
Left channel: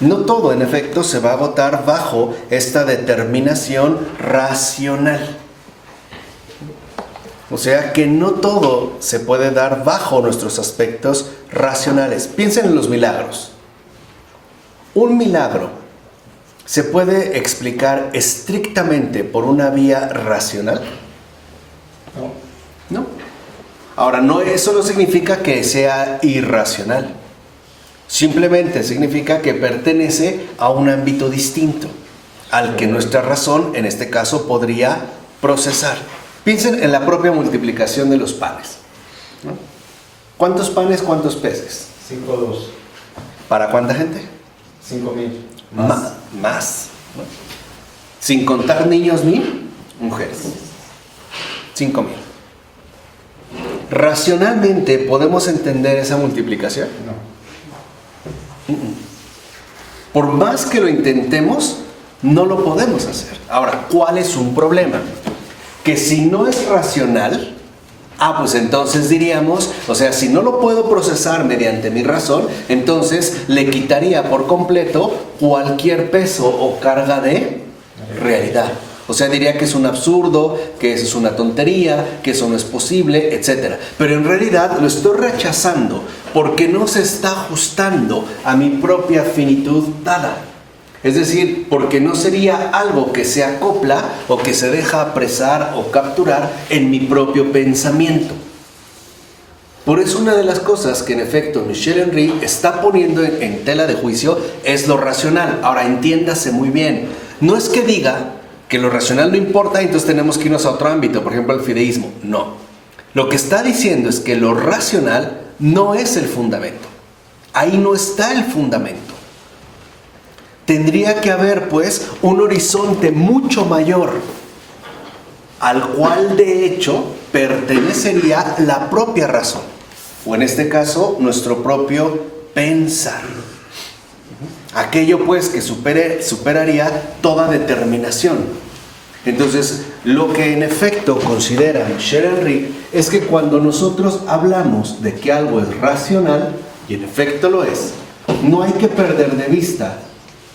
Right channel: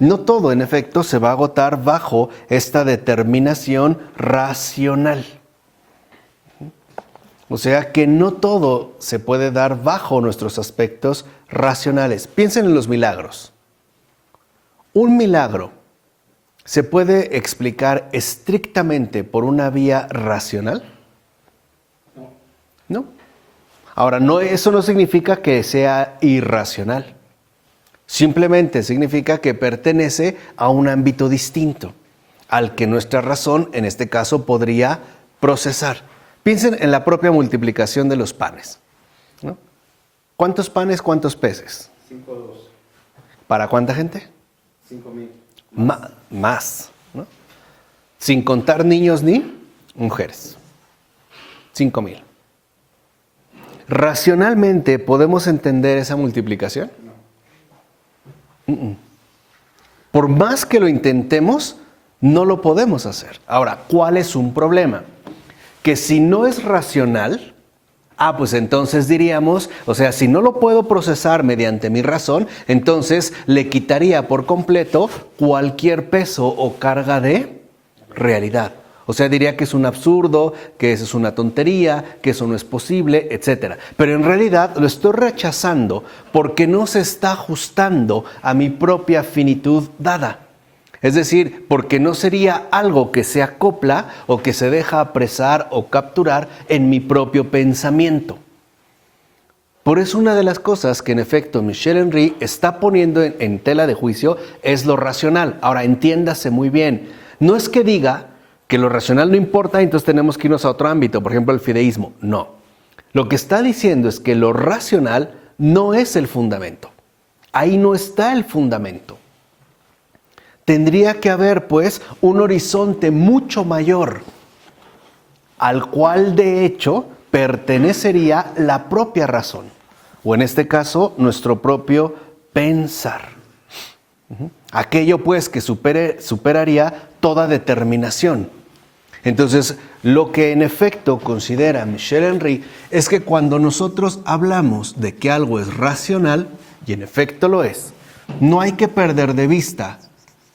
en efecto se va a agotar bajo esta determinación racional. O sea que no todo se puede dar bajo nuestros aspectos racionales. Piensen en los milagros. Un milagro se puede explicar estrictamente por una vía racional. No. Ahora, eso no significa que sea irracional. Simplemente significa que pertenece a un ámbito distinto al que nuestra razón, en este caso, podría procesar. Piensen en la propia multiplicación de los panes, ¿no? ¿Cuántos panes, cuántos peces? 5.2. ¿Para cuánta gente? 5.000. Más, ¿no? Sin contar niños ni mujeres. 5.000. ¿Racionalmente podemos entender esa multiplicación? No. Por más que lo intentemos, no lo podemos hacer. Ahora, ¿cuál es un problema? Que si no es racional, pues entonces diríamos, o sea, si no lo puedo procesar mediante mi razón, entonces le quitaría por completo cualquier peso o carga de realidad. O sea, diría que es un absurdo, que eso es una tontería, que eso no es posible, etc. Pero en realidad lo estoy rechazando porque no se está ajustando a mi propia finitud dada. Es decir, porque no sería algo que se acopla o que se deja apresar o capturar en mi propio pensamiento. Por eso una de las cosas que en efecto Michel Henry está poniendo en tela de juicio es lo racional. Ahora, entiéndase muy bien, no es que diga que lo racional no importa y entonces tenemos que irnos a otro ámbito, por ejemplo al fideísmo. No. Lo que está diciendo es que lo racional no es el fundamento. Ahí no está el fundamento. Tendría que haber, pues, un horizonte mucho mayor, al cual, de hecho, pertenecería la propia razón, o en este caso, nuestro propio pensar. Aquello, pues, que superaría toda determinación. Entonces, lo que en efecto considera Michel Henry es que cuando nosotros hablamos de que algo es racional, y en efecto lo es, no hay que perder de vista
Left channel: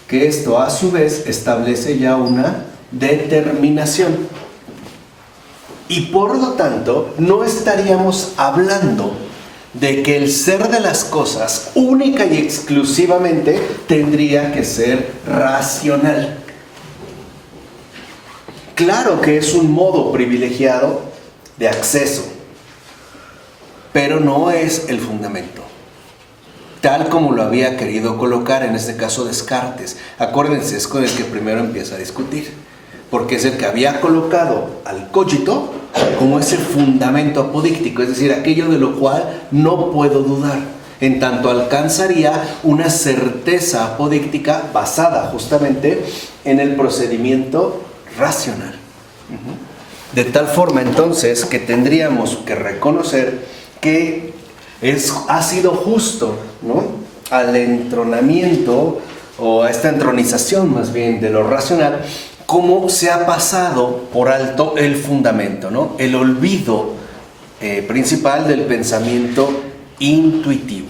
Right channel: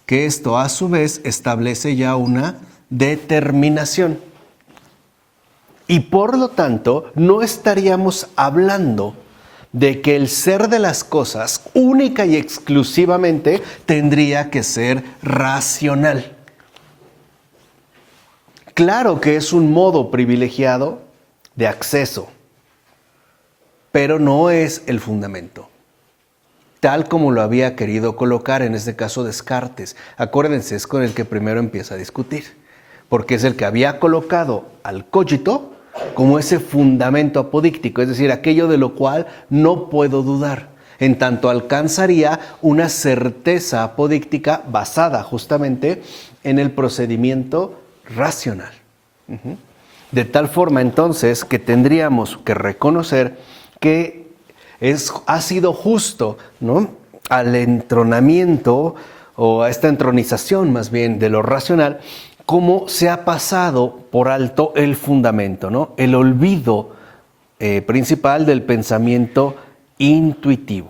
que esto a su vez establece ya una determinación. Y por lo tanto, no estaríamos hablando de que el ser de las cosas única y exclusivamente tendría que ser racional. Claro que es un modo privilegiado de acceso, pero no es el fundamento, tal como lo había querido colocar en este caso Descartes. Acuérdense, es con el que primero empieza a discutir, porque es el que había colocado al cogito como ese fundamento apodíctico, es decir, aquello de lo cual no puedo dudar, en tanto alcanzaría una certeza apodíctica basada justamente en el procedimiento racional. De tal forma entonces que tendríamos que reconocer que ha sido justo, ¿no?, al entronamiento o a esta entronización más bien de lo racional, cómo se ha pasado por alto el fundamento, ¿no?, el olvido principal del pensamiento intuitivo.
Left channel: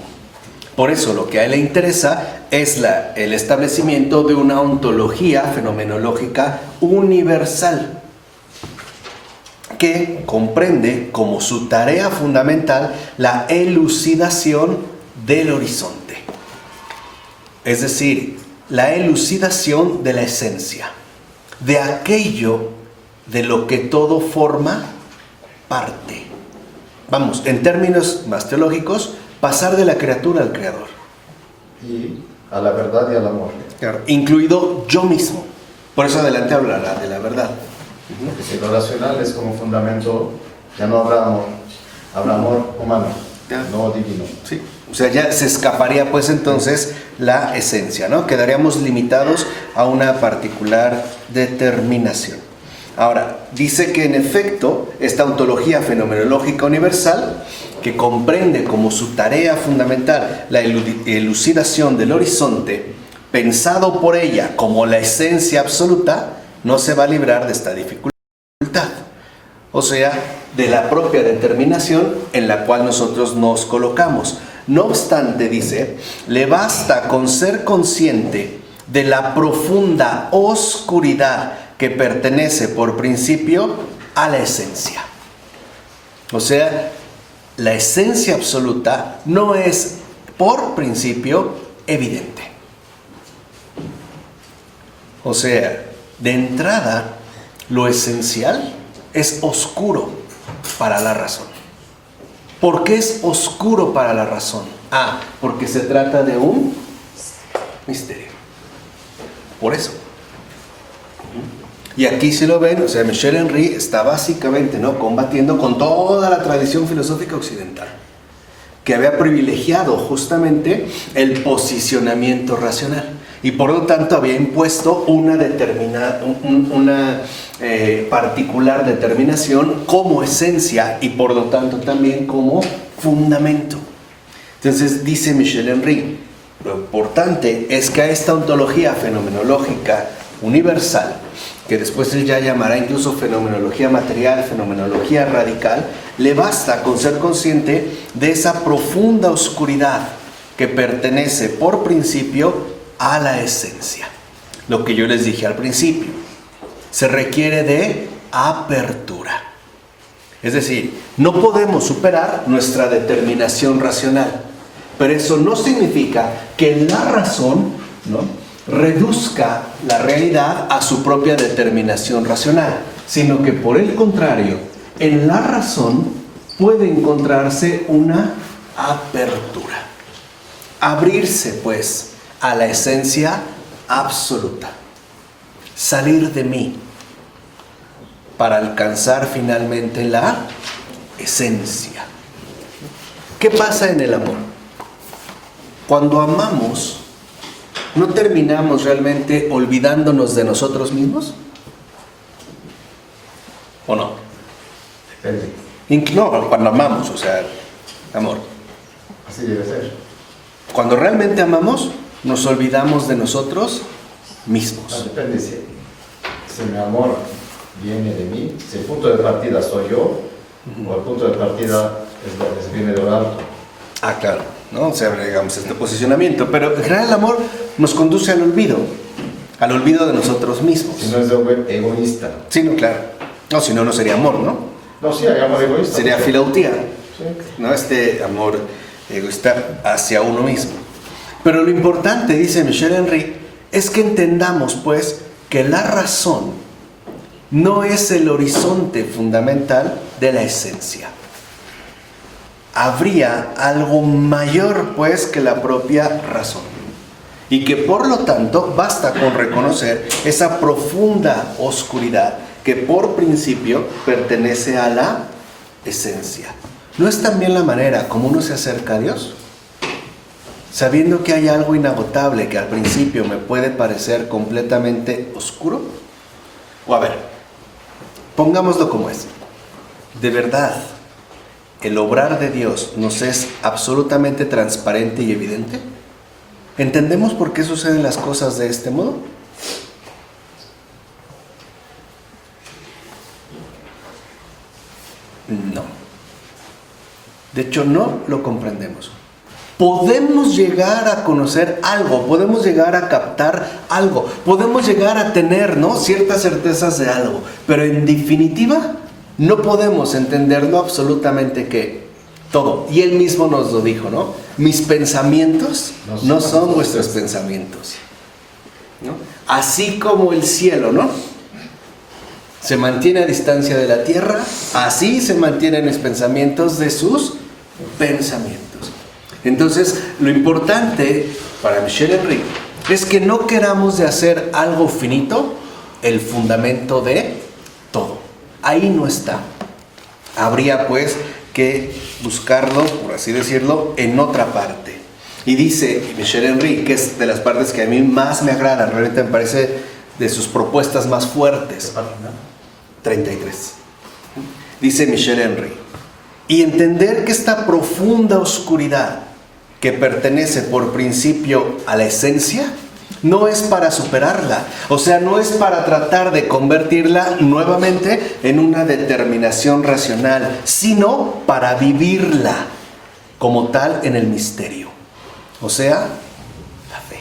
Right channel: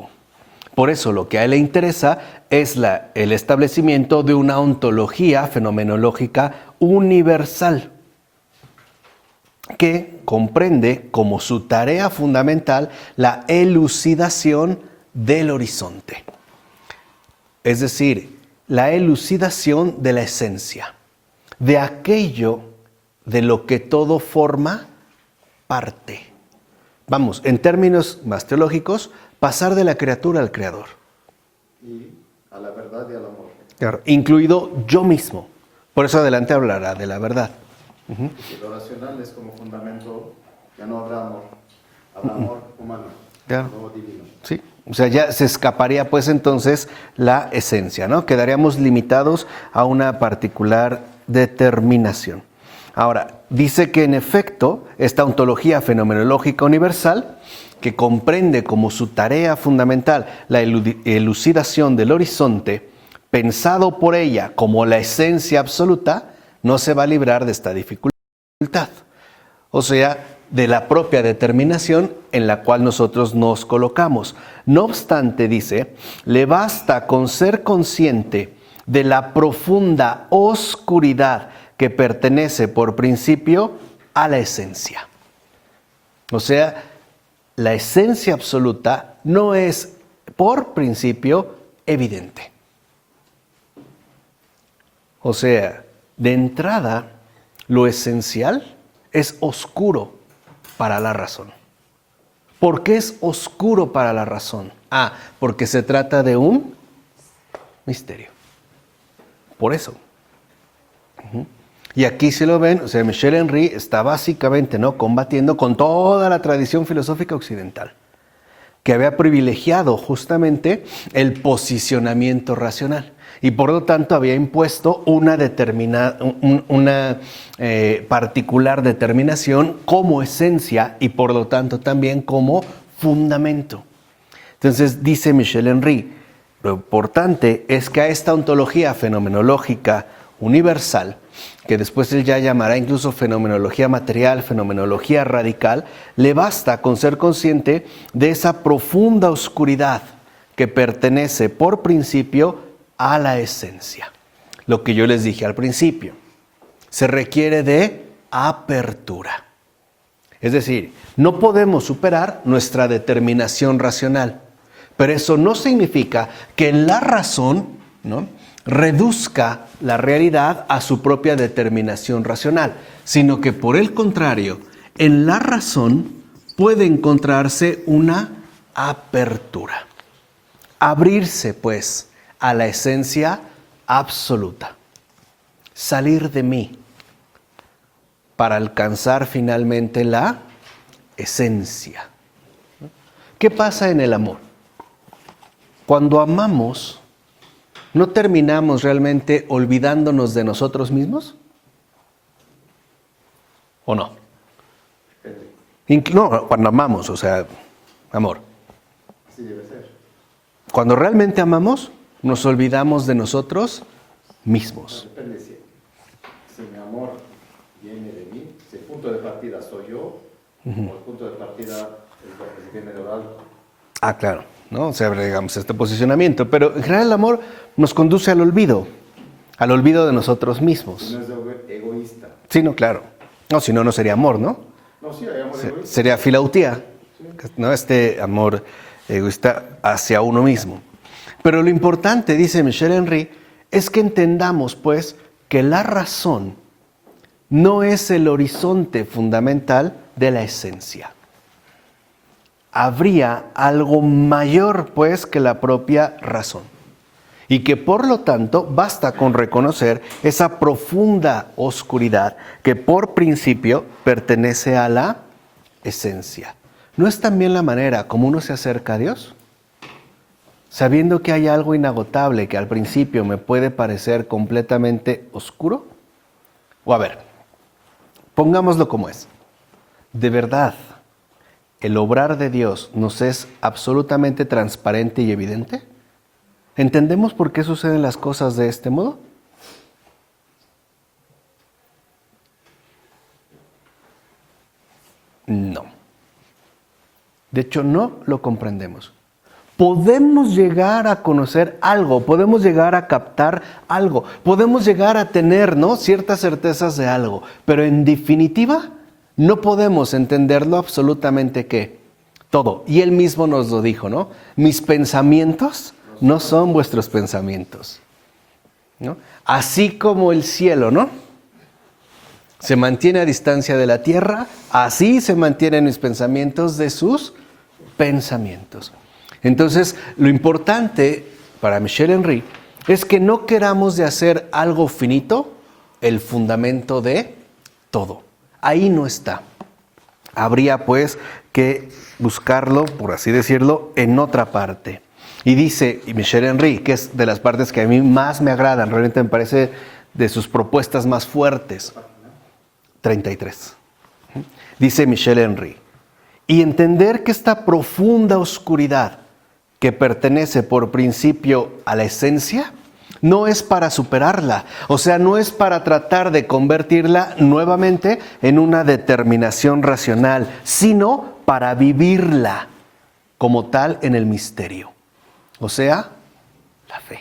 Por eso lo que a él le interesa es el establecimiento de una ontología fenomenológica universal que comprende como su tarea fundamental la elucidación del horizonte. Es decir, la elucidación de la esencia, de aquello de lo que todo forma parte. Vamos, en términos más teológicos, pasar de la criatura al creador. Y a la verdad y al amor. Claro, incluido yo mismo. Por eso adelante hablará de la verdad. Porque si lo racional es como fundamento, ya no habrá amor. Habrá amor humano, no divino. Sí. O sea, ya se escaparía pues entonces la esencia, ¿no? Quedaríamos limitados a una particular determinación. Ahora, dice que en efecto, esta ontología fenomenológica universal, que comprende como su tarea fundamental la elucidación del horizonte, pensado por ella como la esencia absoluta, no se va a librar de esta dificultad. O sea, de la propia determinación en la cual nosotros nos colocamos. No obstante, dice, le basta con ser consciente de la profunda oscuridad que pertenece por principio a la esencia. O sea, la esencia absoluta no es por principio evidente. O sea, de entrada, lo esencial es oscuro para la razón. ¿Por qué es oscuro para la razón? Porque se trata de un misterio. Por eso. Y aquí si lo ven, o sea, Michel Henry está básicamente, ¿no?, combatiendo con toda la tradición filosófica occidental, que había privilegiado justamente el posicionamiento racional y por lo tanto había impuesto una particular determinación como esencia y por lo tanto también como fundamento. Entonces dice Michel Henry, lo importante es que a esta ontología fenomenológica universal, que después él ya llamará incluso fenomenología material, fenomenología radical, le basta con ser consciente de esa profunda oscuridad que pertenece por principio a la esencia. Lo que yo les dije al principio, se requiere de apertura. Es decir, no podemos superar nuestra determinación racional, pero eso no significa que la razón, ¿no?, reduzca la realidad a su propia determinación racional, sino que por el contrario, en la razón puede encontrarse una apertura. Abrirse, pues, a la esencia absoluta. Salir de mí para alcanzar finalmente la esencia. ¿Qué pasa en el amor? Cuando amamos, ¿no terminamos realmente olvidándonos de nosotros mismos? ¿O no? Depende. No, cuando amamos, o sea, amor. Así debe ser. Cuando realmente amamos, nos olvidamos de nosotros mismos. Depende si mi amor viene de mí, si el punto de partida soy yo, o el punto de partida viene de lo alto. Claro, ¿no? O sea, digamos, este posicionamiento. Pero en general el amor nos conduce al olvido de nosotros mismos. Si no es egoísta. Sí, no, claro. No, si no, no sería amor, ¿no? No, sí, hay amor egoísta. Sería filautía. ¿no? Este amor egoísta hacia uno mismo. Pero lo importante, dice Michel Henry, es que entendamos pues que la razón no es el horizonte fundamental de la esencia. Habría algo mayor pues que la propia razón. Y que por lo tanto basta con reconocer esa profunda oscuridad que por principio pertenece a la esencia. ¿No es también la manera como uno se acerca a Dios? Sabiendo que hay algo inagotable que al principio me puede parecer completamente oscuro. O a ver, pongámoslo como es. De verdad, el obrar de Dios nos es absolutamente transparente y evidente. ¿Entendemos por qué suceden las cosas de este modo? No. De hecho, no lo comprendemos. Podemos llegar a conocer algo, podemos llegar a captar algo, podemos llegar a tener, ¿no?, ciertas certezas de algo, pero en definitiva no podemos entenderlo absolutamente ¿qué? Todo. Y él mismo nos lo dijo, ¿no? Mis pensamientos no son vuestros pensamientos, ¿no? Así como el cielo, ¿no?, se mantiene a distancia de la tierra, así se mantienen mis pensamientos de sus pensamientos. Entonces, lo importante para Michel Henry es que no queramos de hacer algo finito el fundamento de todo. Ahí no está. Habría pues que buscarlo, por así decirlo, en otra parte. Y dice Michel Henry, que es de las partes que a mí más me agradan, realmente me parece de sus propuestas más fuertes. 33. Dice Michel Henry, y entender que esta profunda oscuridad que pertenece por principio a la esencia, no es para superarla, o sea, no es para tratar de convertirla nuevamente en una determinación racional, sino para vivirla como tal en el misterio, o sea, la fe.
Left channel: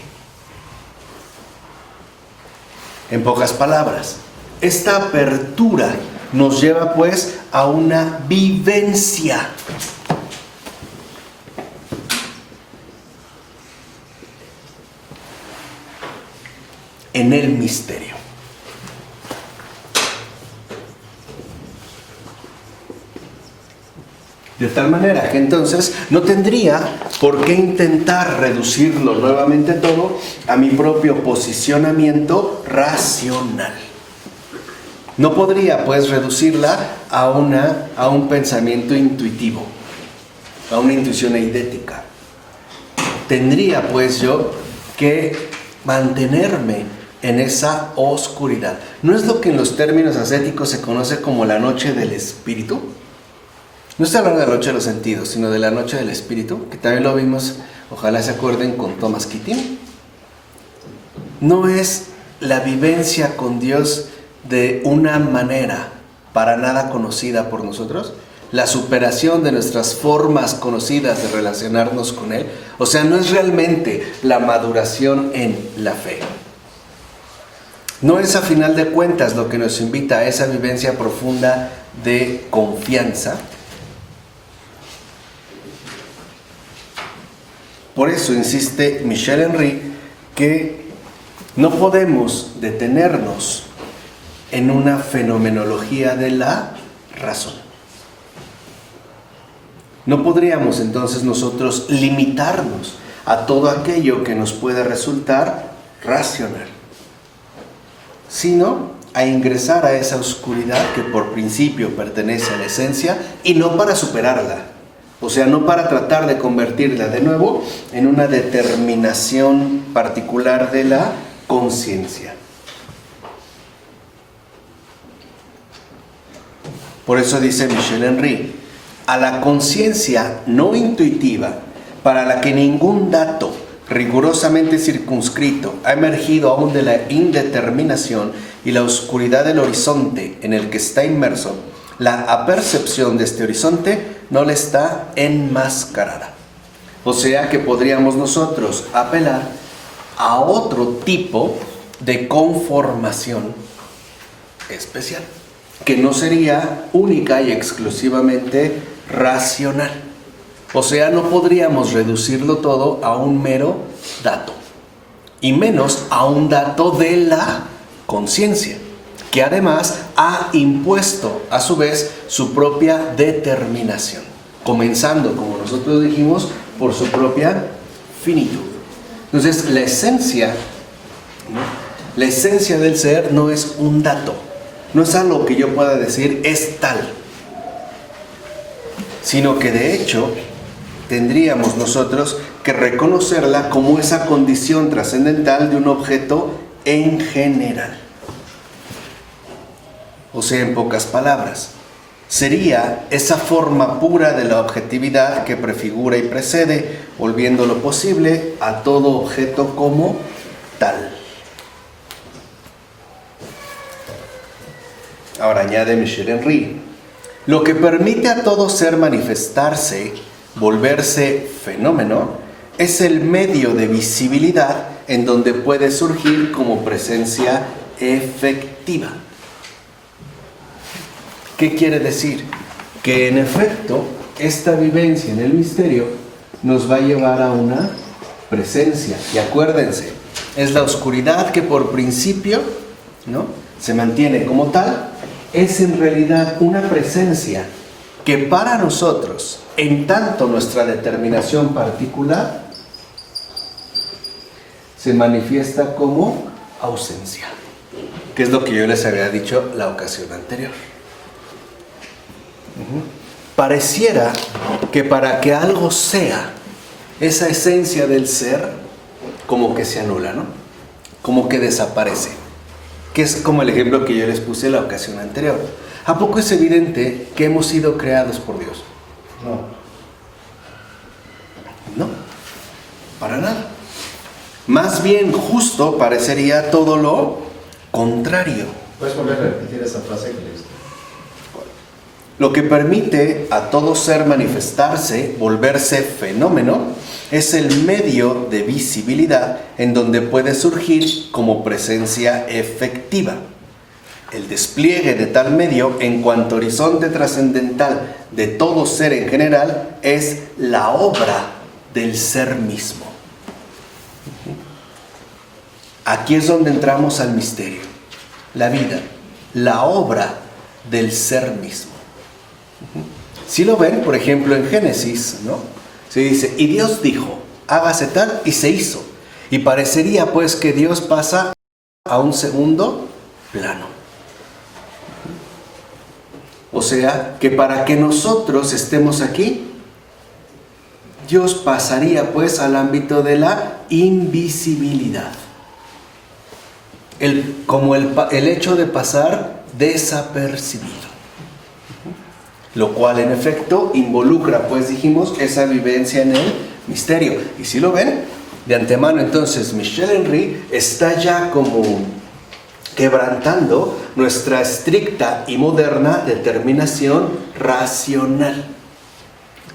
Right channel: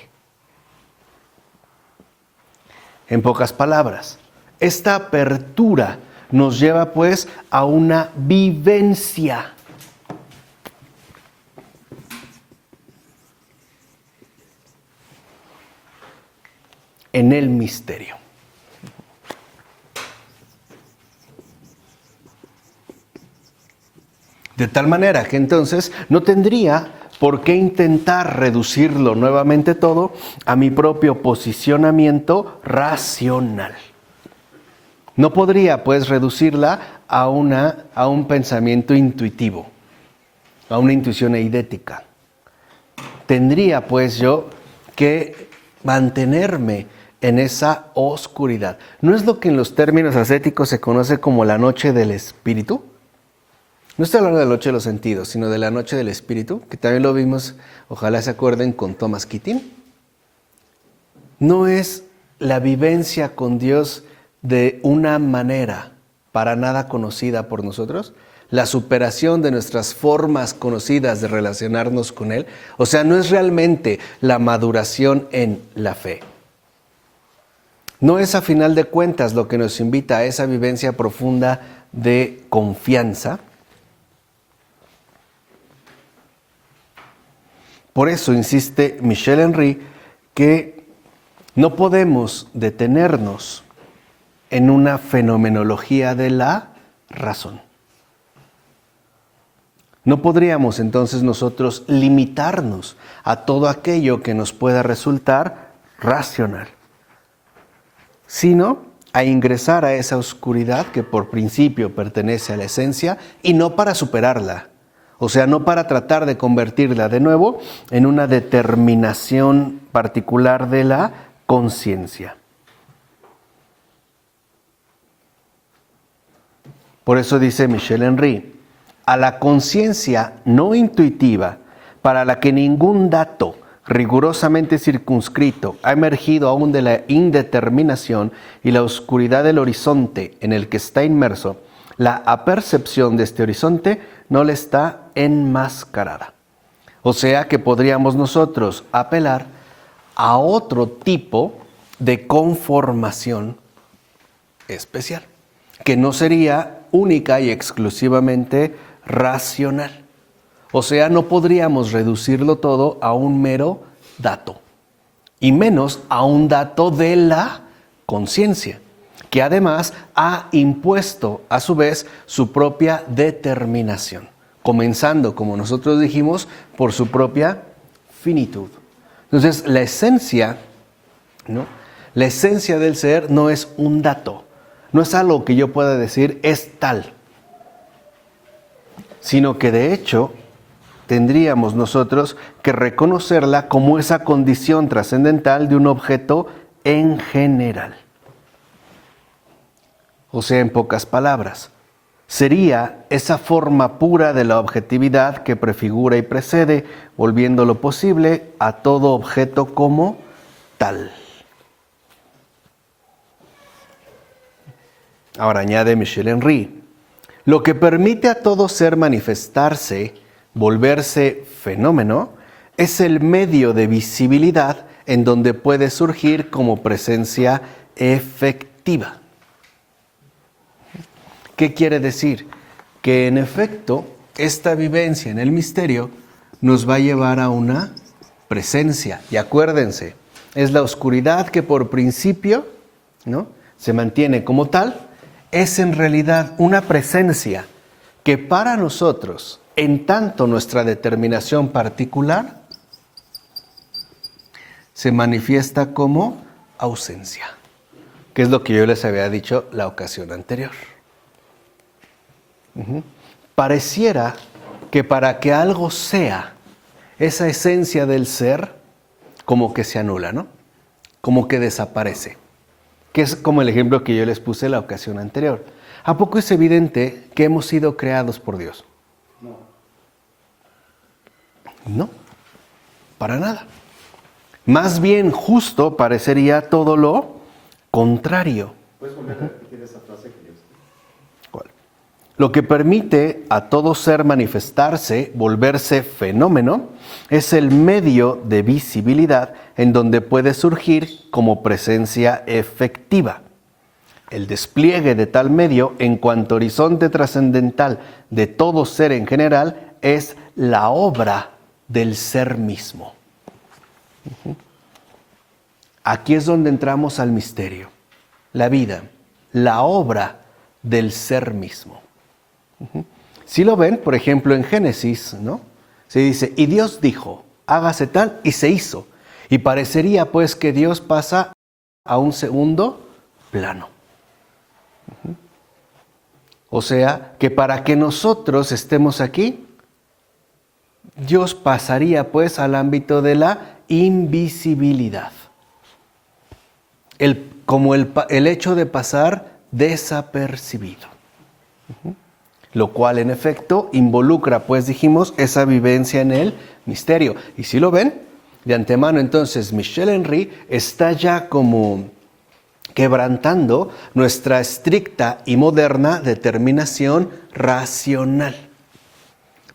En pocas palabras, esta apertura nos lleva pues a una vivencia. En el misterio. De tal manera que entonces no tendría por qué intentar reducirlo nuevamente todo a mi propio posicionamiento racional. No podría pues reducirla a un pensamiento intuitivo, a una intuición eidética. Tendría pues yo que mantenerme en esa oscuridad. ¿No es lo que en los términos ascéticos se conoce como la noche del espíritu? No estoy hablando de la noche de los sentidos, sino de la noche del espíritu, que también lo vimos, ojalá se acuerden, con Thomas Keating. No es la vivencia con Dios de una manera para nada conocida por nosotros, la superación de nuestras formas conocidas de relacionarnos con Él. O sea, no es realmente la maduración en la fe. No es a final de cuentas lo que nos invita a esa vivencia profunda de confianza. Por eso insiste Michel Henry que no podemos detenernos en una fenomenología de la razón. No podríamos entonces nosotros limitarnos a todo aquello que nos pueda resultar racional, sino a ingresar a esa oscuridad que por principio pertenece a la esencia y no para superarla, o sea, no para tratar de convertirla de nuevo en una determinación particular de la conciencia. Por eso dice Michel Henry, a la conciencia no intuitiva, para la que ningún dato rigurosamente circunscrito ha emergido aún de la indeterminación y la oscuridad del horizonte en el que está inmerso, la apercepción de este horizonte no le está enmascarada. O sea que podríamos nosotros apelar a otro tipo de conformación especial, que no sería única y exclusivamente racional. O sea, no podríamos reducirlo todo a un mero dato, y menos a un dato de la conciencia, que además ha impuesto a su vez su propia determinación, comenzando, como nosotros dijimos, por su propia finitud. Entonces, la esencia, ¿no? La esencia del ser no es un dato, no es algo que yo pueda decir es tal, sino que de hecho tendríamos nosotros que reconocerla como esa condición trascendental de un objeto en general. O sea, en pocas palabras, sería esa forma pura de la objetividad que prefigura y precede, volviendo lo posible a todo objeto como tal. Ahora añade Michel Henry, lo que permite a todo ser manifestarse, volverse fenómeno, es el medio de visibilidad en donde puede surgir como presencia efectiva. ¿Qué quiere decir? Que en efecto, esta vivencia en el misterio nos va a llevar a una presencia. Y acuérdense, es la oscuridad que por principio, ¿no?, se mantiene como tal, es en realidad una presencia que para nosotros, en tanto nuestra determinación particular, se manifiesta como ausencia, que es lo que yo les había dicho la ocasión anterior. Pareciera que para que algo sea, esa esencia del ser como que se anula, ¿no? Como que desaparece. Que es como el ejemplo que yo les puse la ocasión anterior. ¿A poco es evidente que hemos sido creados por Dios? No, para nada. Más bien, justo parecería todo lo contrario. ¿Puedes volver a repetir esa frase que leíste? Lo que permite a todo ser manifestarse, volverse fenómeno, es el medio de visibilidad en donde puede surgir como presencia efectiva. El despliegue de tal medio en cuanto horizonte trascendental de todo ser en general es la obra del ser mismo. Aquí es donde entramos al misterio, la vida, la obra del ser mismo. Si lo ven, por ejemplo, en Génesis, ¿no?, se dice, y Dios dijo, hágase tal, y se hizo. Y parecería pues que Dios pasa a un segundo plano. O sea, que para que nosotros estemos aquí, Dios pasaría pues al ámbito de la invisibilidad. Como el hecho de pasar desapercibido. Lo cual en efecto involucra, pues dijimos, esa vivencia en el misterio. Y si lo ven, de antemano entonces Michel Henry está ya como quebrantando nuestra estricta y moderna determinación racional.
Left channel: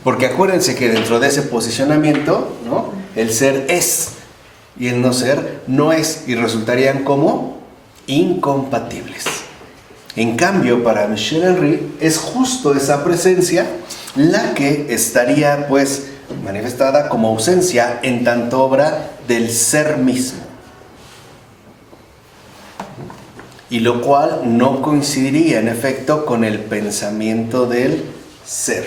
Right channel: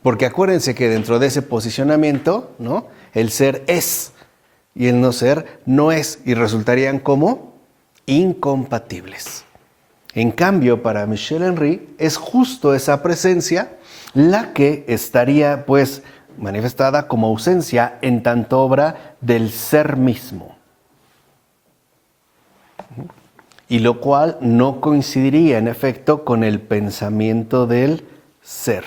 Porque acuérdense que dentro de ese posicionamiento, ¿no?, el ser es y el no ser no es, y resultarían como incompatibles. En cambio, para Michel Henry es justo esa presencia la que estaría pues manifestada como ausencia en tanto obra del ser mismo. Y lo cual no coincidiría en efecto con el pensamiento del ser.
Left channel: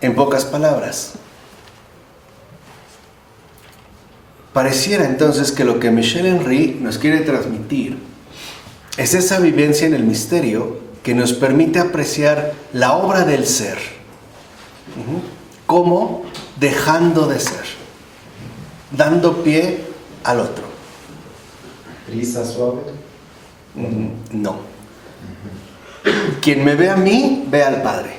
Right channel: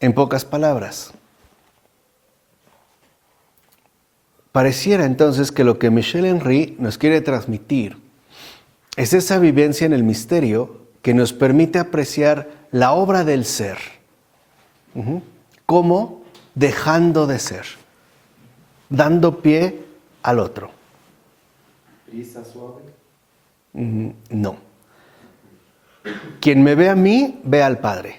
En pocas palabras, pareciera entonces que lo que Michel Henry nos quiere transmitir es esa vivencia en el misterio que nos permite apreciar la obra del ser como dejando de ser, dando pie al otro. ¿Brisa suave? No. Quien me ve a mí, ve al Padre.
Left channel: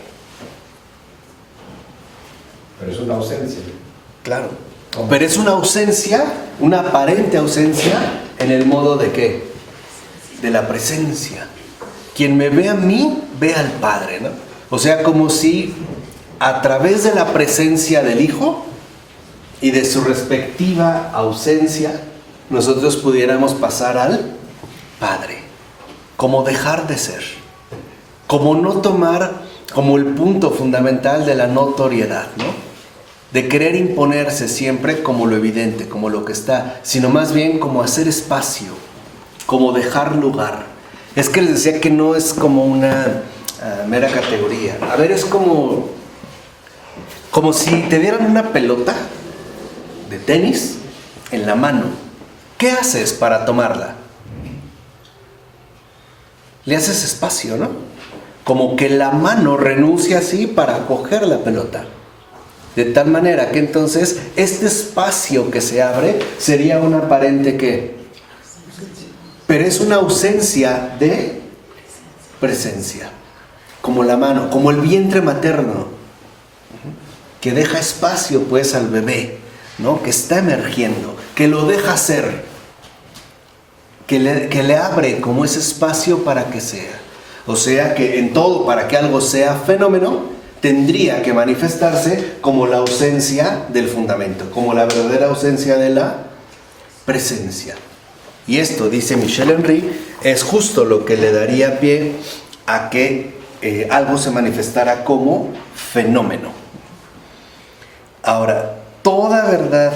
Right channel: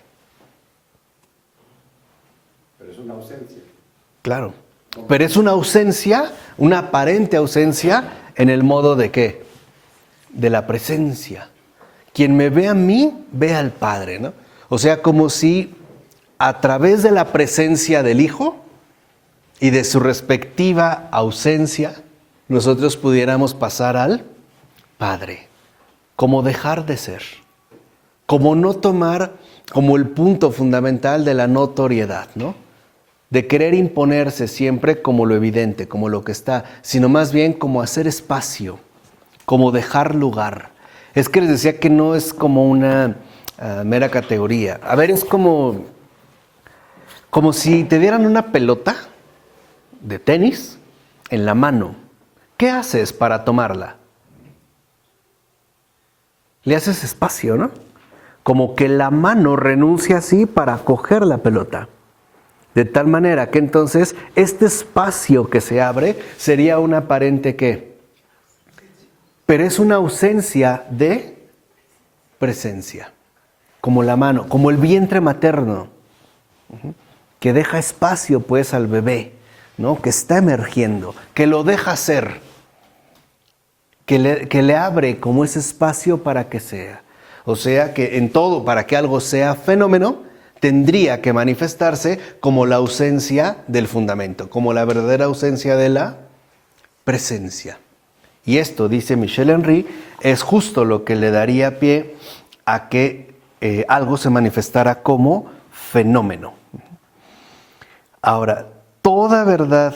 Pero es una ausencia. Claro. Pero es una ausencia, una aparente ausencia, ¿en el modo de qué? De la presencia. Quien me ve a mí, ve al Padre, ¿no? O sea, como si a través de la presencia del Hijo y de su respectiva ausencia, nosotros pudiéramos pasar al Padre, como dejar de ser. como no tomar como el punto fundamental de la notoriedad, ¿no? De querer imponerse siempre como lo evidente, como lo que está, sino más bien como hacer espacio, como dejar lugar. Es que les decía que no es como una mera categoría. A ver, es como si te dieran una pelota de tenis en la mano. ¿Qué haces para tomarla? Le haces espacio, ¿no? Como que la mano renuncia así para coger la pelota. De tal manera que entonces este espacio que se abre sería un aparente ¿qué? Pero es una ausencia de presencia. Como la mano, como el vientre materno, que deja espacio pues al bebé, ¿no? Que está emergiendo, que lo deja ser, que le abre como ese espacio para que sea. O sea que en todo, para que algo sea fenómeno, tendría que manifestarse como la ausencia del fundamento, como la verdadera ausencia de la presencia. Y esto, dice Michel Henry, es justo lo que le daría pie a que algo se manifestara como fenómeno. Ahora, toda verdad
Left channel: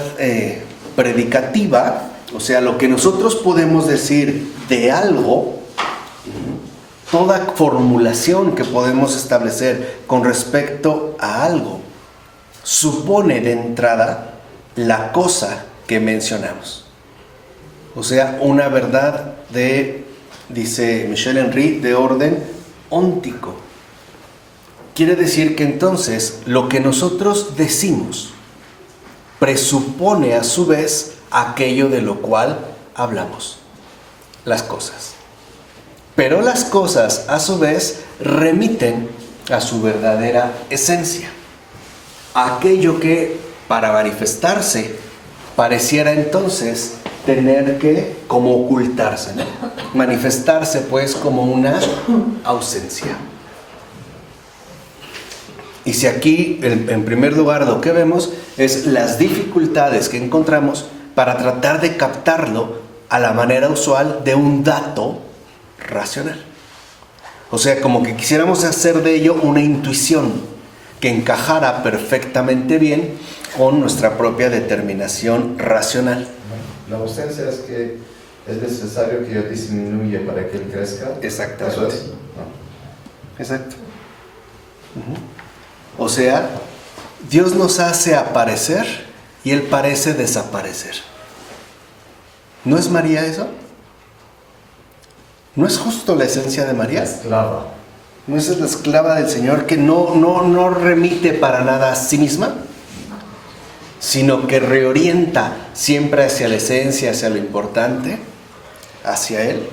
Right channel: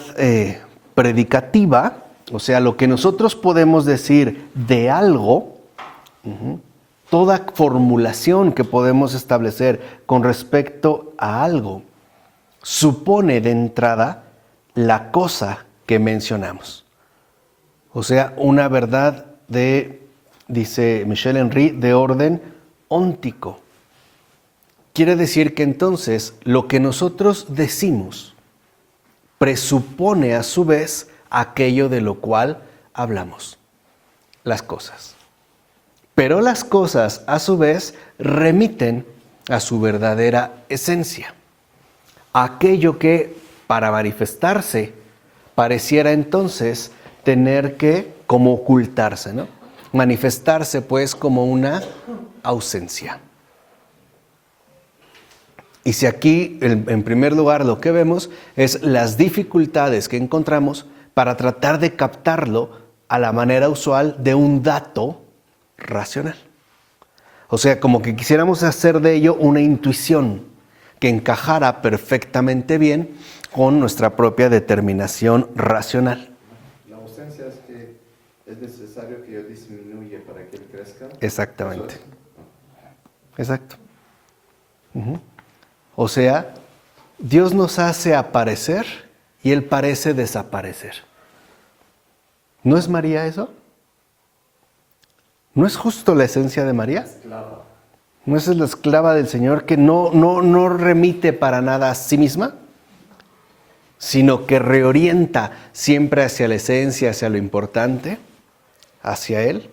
predicativa, o sea, lo que nosotros podemos decir de algo, toda formulación que podemos establecer con respecto a algo, supone de entrada la cosa que mencionamos. O sea, una verdad dice Michel Henry, de orden óntico. Quiere decir que entonces lo que nosotros decimos presupone a su vez aquello de lo cual hablamos, las cosas. Pero las cosas a su vez remiten a su verdadera esencia, aquello que para manifestarse pareciera entonces tener que como ocultarse, ¿no? Manifestarse pues como una ausencia. Y si aquí en primer lugar lo que vemos es las dificultades que encontramos para tratar de captarlo a la manera usual de un dato racional. O sea, como que quisiéramos hacer de ello una intuición que encajara perfectamente bien con nuestra propia determinación racional. La ausencia es que es necesario que yo disminuya para que él crezca. Exactamente. ¿Eso es? No. Exacto. O sea, Dios nos hace aparecer y Él parece desaparecer. ¿No es María eso? ¿No es justo la esencia de María? La esclava. ¿No es la esclava del Señor que no remite para nada a sí misma? Sino que reorienta siempre hacia la esencia, hacia lo importante, hacia Él,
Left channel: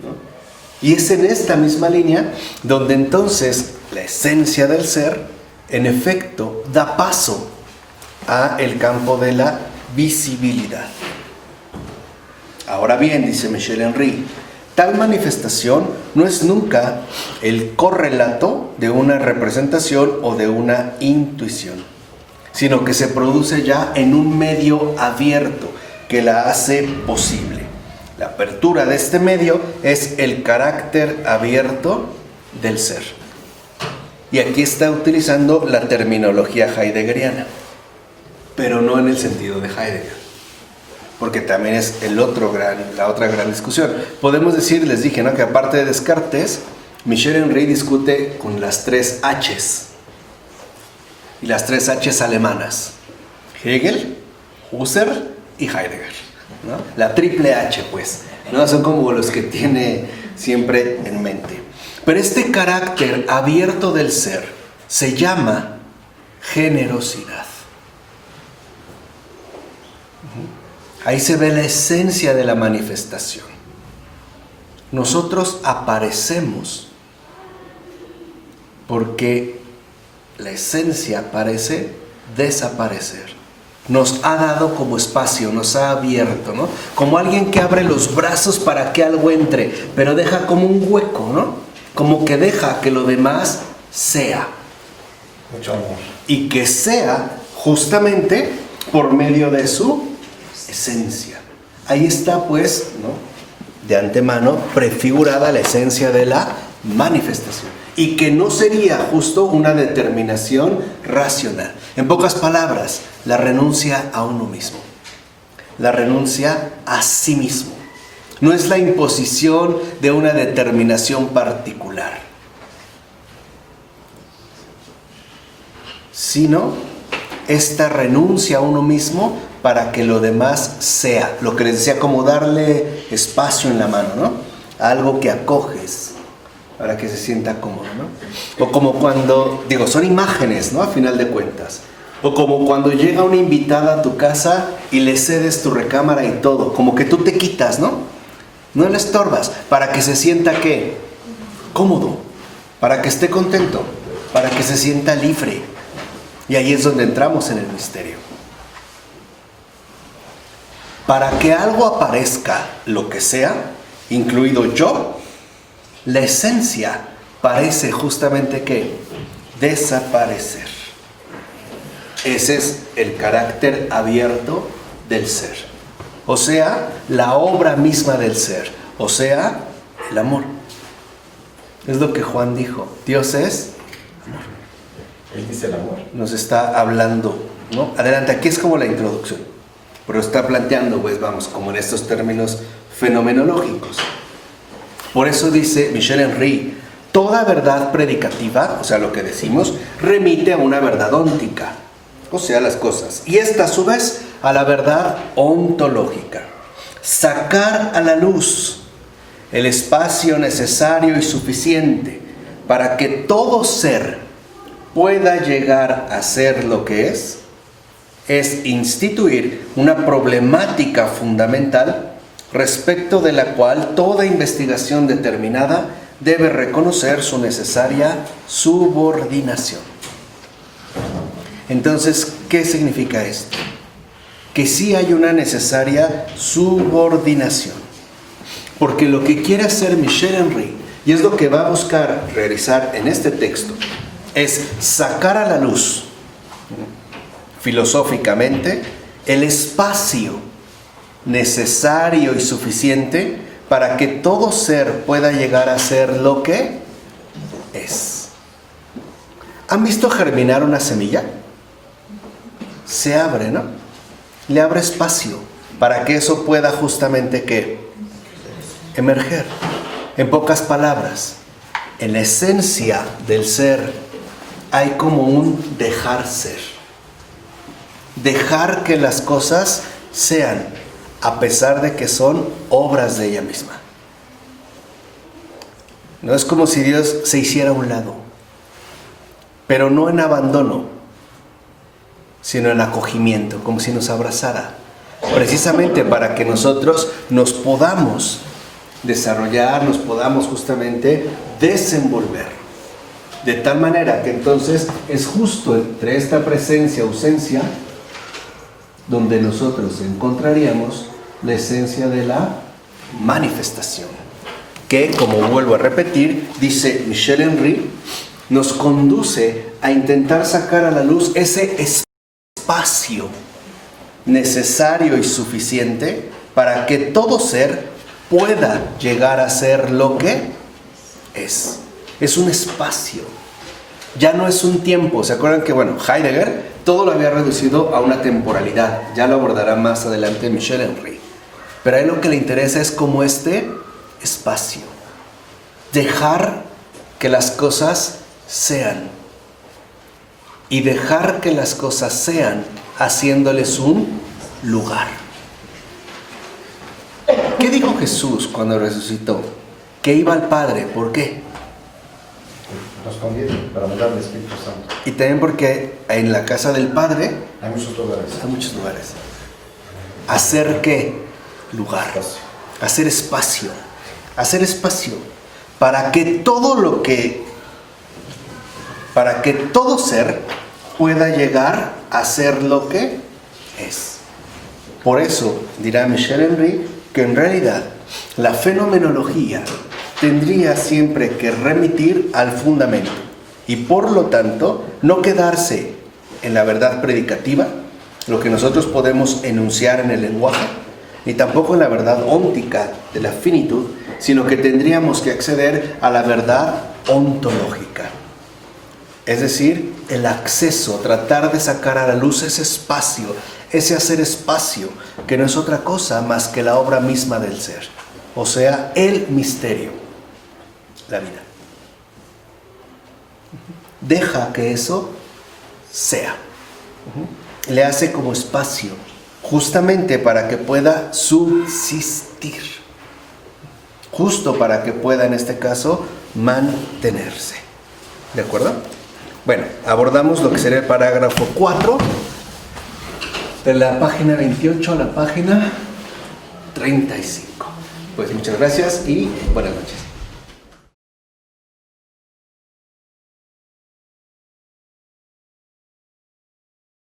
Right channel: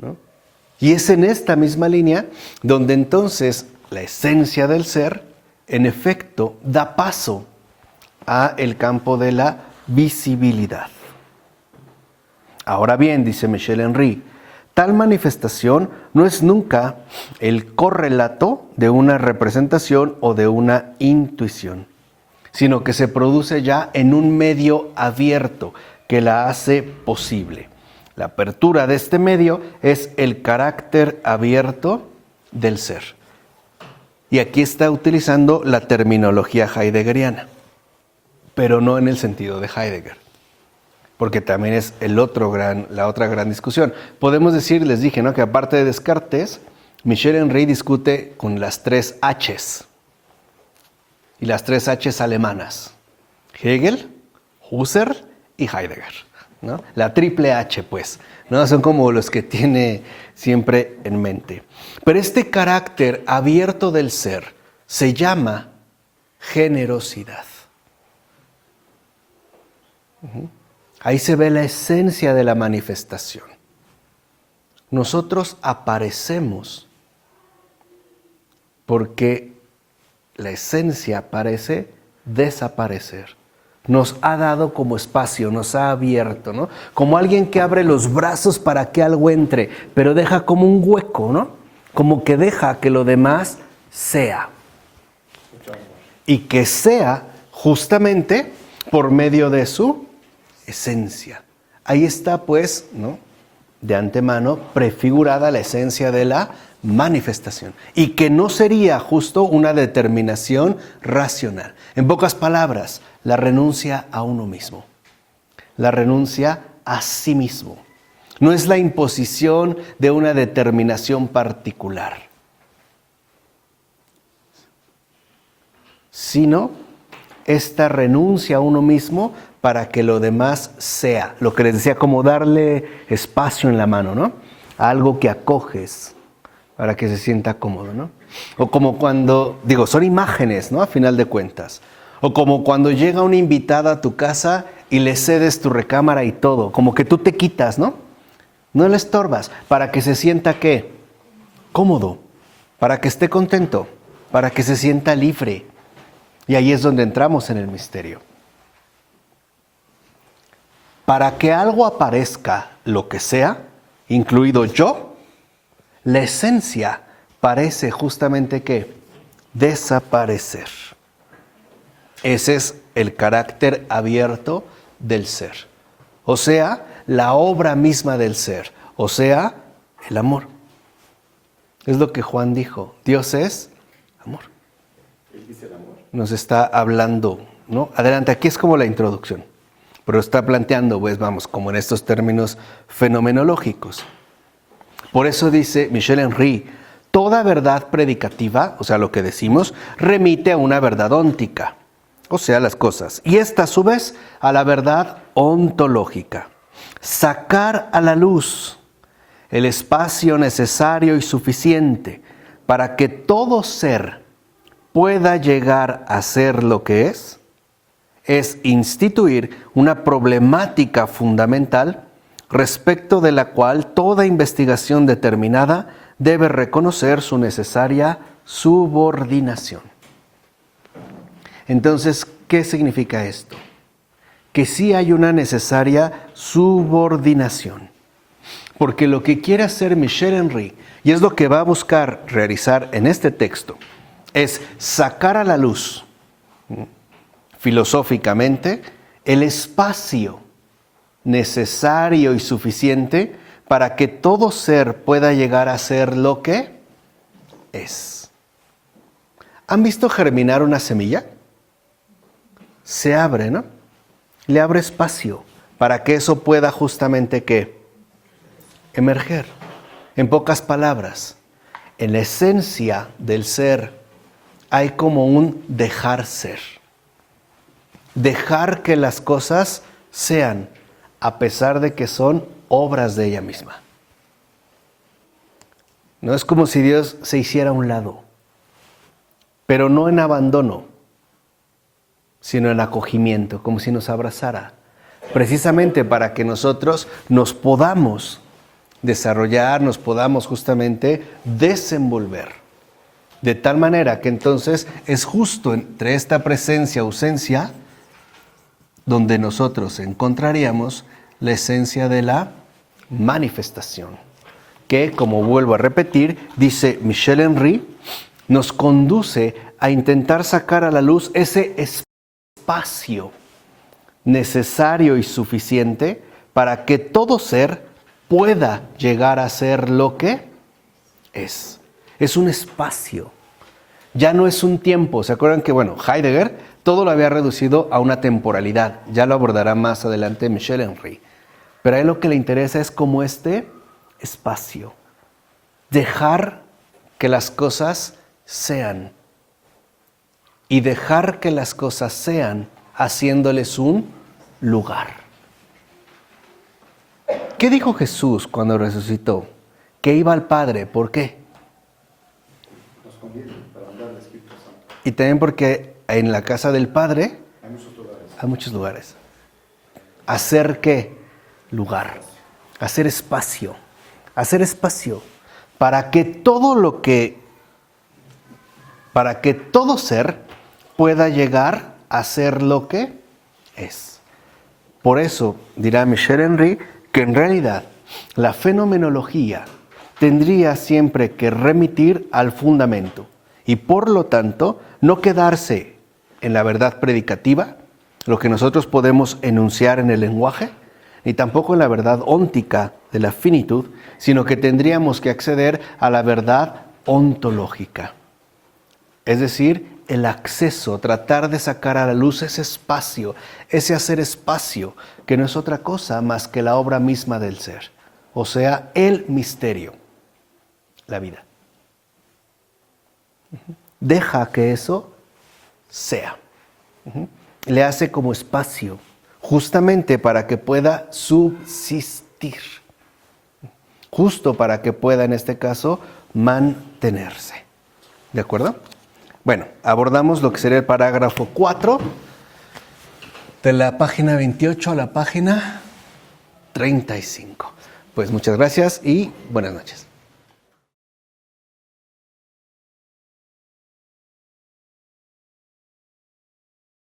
¿no? Y es en esta misma línea donde entonces la esencia del ser, en efecto, da paso a el campo de la visibilidad. Ahora bien, dice Michel Henry, tal manifestación no es nunca el correlato de una representación o de una intuición, sino que se produce ya en un medio abierto que la hace posible. La apertura de este medio es el carácter abierto del ser. Y aquí está utilizando la terminología heideggeriana, pero no en el sentido de Heidegger, porque también es la otra gran discusión. Podemos decir, les dije, ¿no?, que aparte de Descartes, Michel Henry discute con las tres H's, y las tres H's alemanas: Hegel, Husserl y Heidegger, ¿no? La triple H, pues, ¿no? Son como los que tiene siempre en mente. Pero este carácter abierto del ser se llama generosidad. Ahí se ve la esencia de la manifestación. Nosotros aparecemos porque la esencia parece desaparecer. Nos ha dado como espacio, nos ha abierto, ¿no? Como alguien que abre los brazos para que algo entre, pero deja como un hueco, ¿no? Como que deja que lo demás sea. Mucho amor. Y que sea justamente por medio de su esencia. Ahí está, pues, ¿no?, de antemano prefigurada la esencia de la manifestación. Y que no sería justo una determinación racional. En pocas palabras, la renuncia a uno mismo. La renuncia a sí mismo. No es la imposición de una determinación particular, sino esta renuncia a uno mismo para que lo demás sea. Lo que les decía, como darle espacio en la mano, ¿no? A algo que acoges para que se sienta cómodo, ¿no? O como cuando, son imágenes, ¿no? A final de cuentas. O como cuando llega una invitada a tu casa y le cedes tu recámara y todo. Como que tú te quitas, ¿no? No le estorbas. Para que se sienta, ¿qué? Cómodo. Para que esté contento. Para que se sienta libre. Y ahí es donde entramos en el misterio. Para que algo aparezca, lo que sea, incluido yo, la esencia parece justamente que desaparecer. Ese es el carácter abierto del ser. O sea, la obra misma del ser. O sea, el amor. Es lo que Juan dijo. Dios es amor. Él dice el amor. Nos está hablando, ¿no? Adelante, aquí es como la introducción. Pero está planteando, pues vamos, como en estos términos fenomenológicos. Por eso dice Michel Henry, toda verdad predicativa, o sea, lo que decimos, remite a una verdad óntica, o sea, las cosas. Y esta, a su vez, a la verdad ontológica. Sacar a la luz el espacio necesario y suficiente para que todo ser pueda llegar a ser lo que es instituir una problemática fundamental respecto de la cual toda investigación determinada debe reconocer su necesaria subordinación. Entonces, ¿qué significa esto? Que sí hay una necesaria subordinación. Porque lo que quiere hacer Michel Henry, y es lo que va a buscar realizar en este texto, es sacar a la luz, filosóficamente, el espacio necesario y suficiente para que todo ser pueda llegar a ser lo que es. ¿Han visto germinar una semilla? Se abre, ¿no? Le abre espacio para que eso pueda justamente ¿qué? Emerger. En pocas palabras, en la esencia del ser hay como un dejar ser. Dejar que las cosas sean, a pesar de que son obras de ella misma. No es como si Dios se hiciera a un lado, pero no en abandono, sino en acogimiento, como si nos abrazara, precisamente para que nosotros nos podamos desarrollar, nos podamos justamente desenvolver, de tal manera que entonces es justo entre esta presencia-ausencia donde nosotros encontraríamos la esencia de la manifestación, que, como vuelvo a repetir, dice Michel Henry, nos conduce a intentar sacar a la luz ese espacio necesario y suficiente para que todo ser pueda llegar a ser lo que es. Es un espacio, ya no es un tiempo. ¿Se acuerdan que, Heidegger todo lo había reducido a una temporalidad? Ya lo abordará más adelante Michel Henry. Pero a él lo que le interesa es como este espacio. Dejar que las cosas sean. Y dejar que las cosas sean haciéndoles un lugar. ¿Qué dijo Jesús cuando resucitó? Que iba al Padre. ¿Por qué? Nos conviene para mandar el Espíritu Santo. Y también porque en la casa del Padre Hay muchos lugares. hay muchos lugares. ¿Hacer qué? Lugar. Espacio. Hacer espacio. Hacer espacio para que todo ser pueda llegar a ser lo que es. Por eso dirá Michel Henry que en realidad la fenomenología tendría siempre que remitir al fundamento y por lo tanto no quedarse en la verdad predicativa, lo que nosotros podemos enunciar en el lenguaje, ni tampoco en la verdad óntica de la finitud, sino que tendríamos que acceder a la verdad ontológica. Es decir, el acceso, tratar de sacar a la luz ese espacio, ese hacer espacio, que no es otra cosa más que la obra misma del ser. O sea, el misterio, la vida. Deja que eso sea. Le hace como espacio, justamente para que pueda subsistir. Justo para que pueda, en este caso, mantenerse. ¿De acuerdo? Bueno, abordamos lo que sería el parágrafo 4, de la página 28 a la página 35. Pues muchas gracias y buenas noches.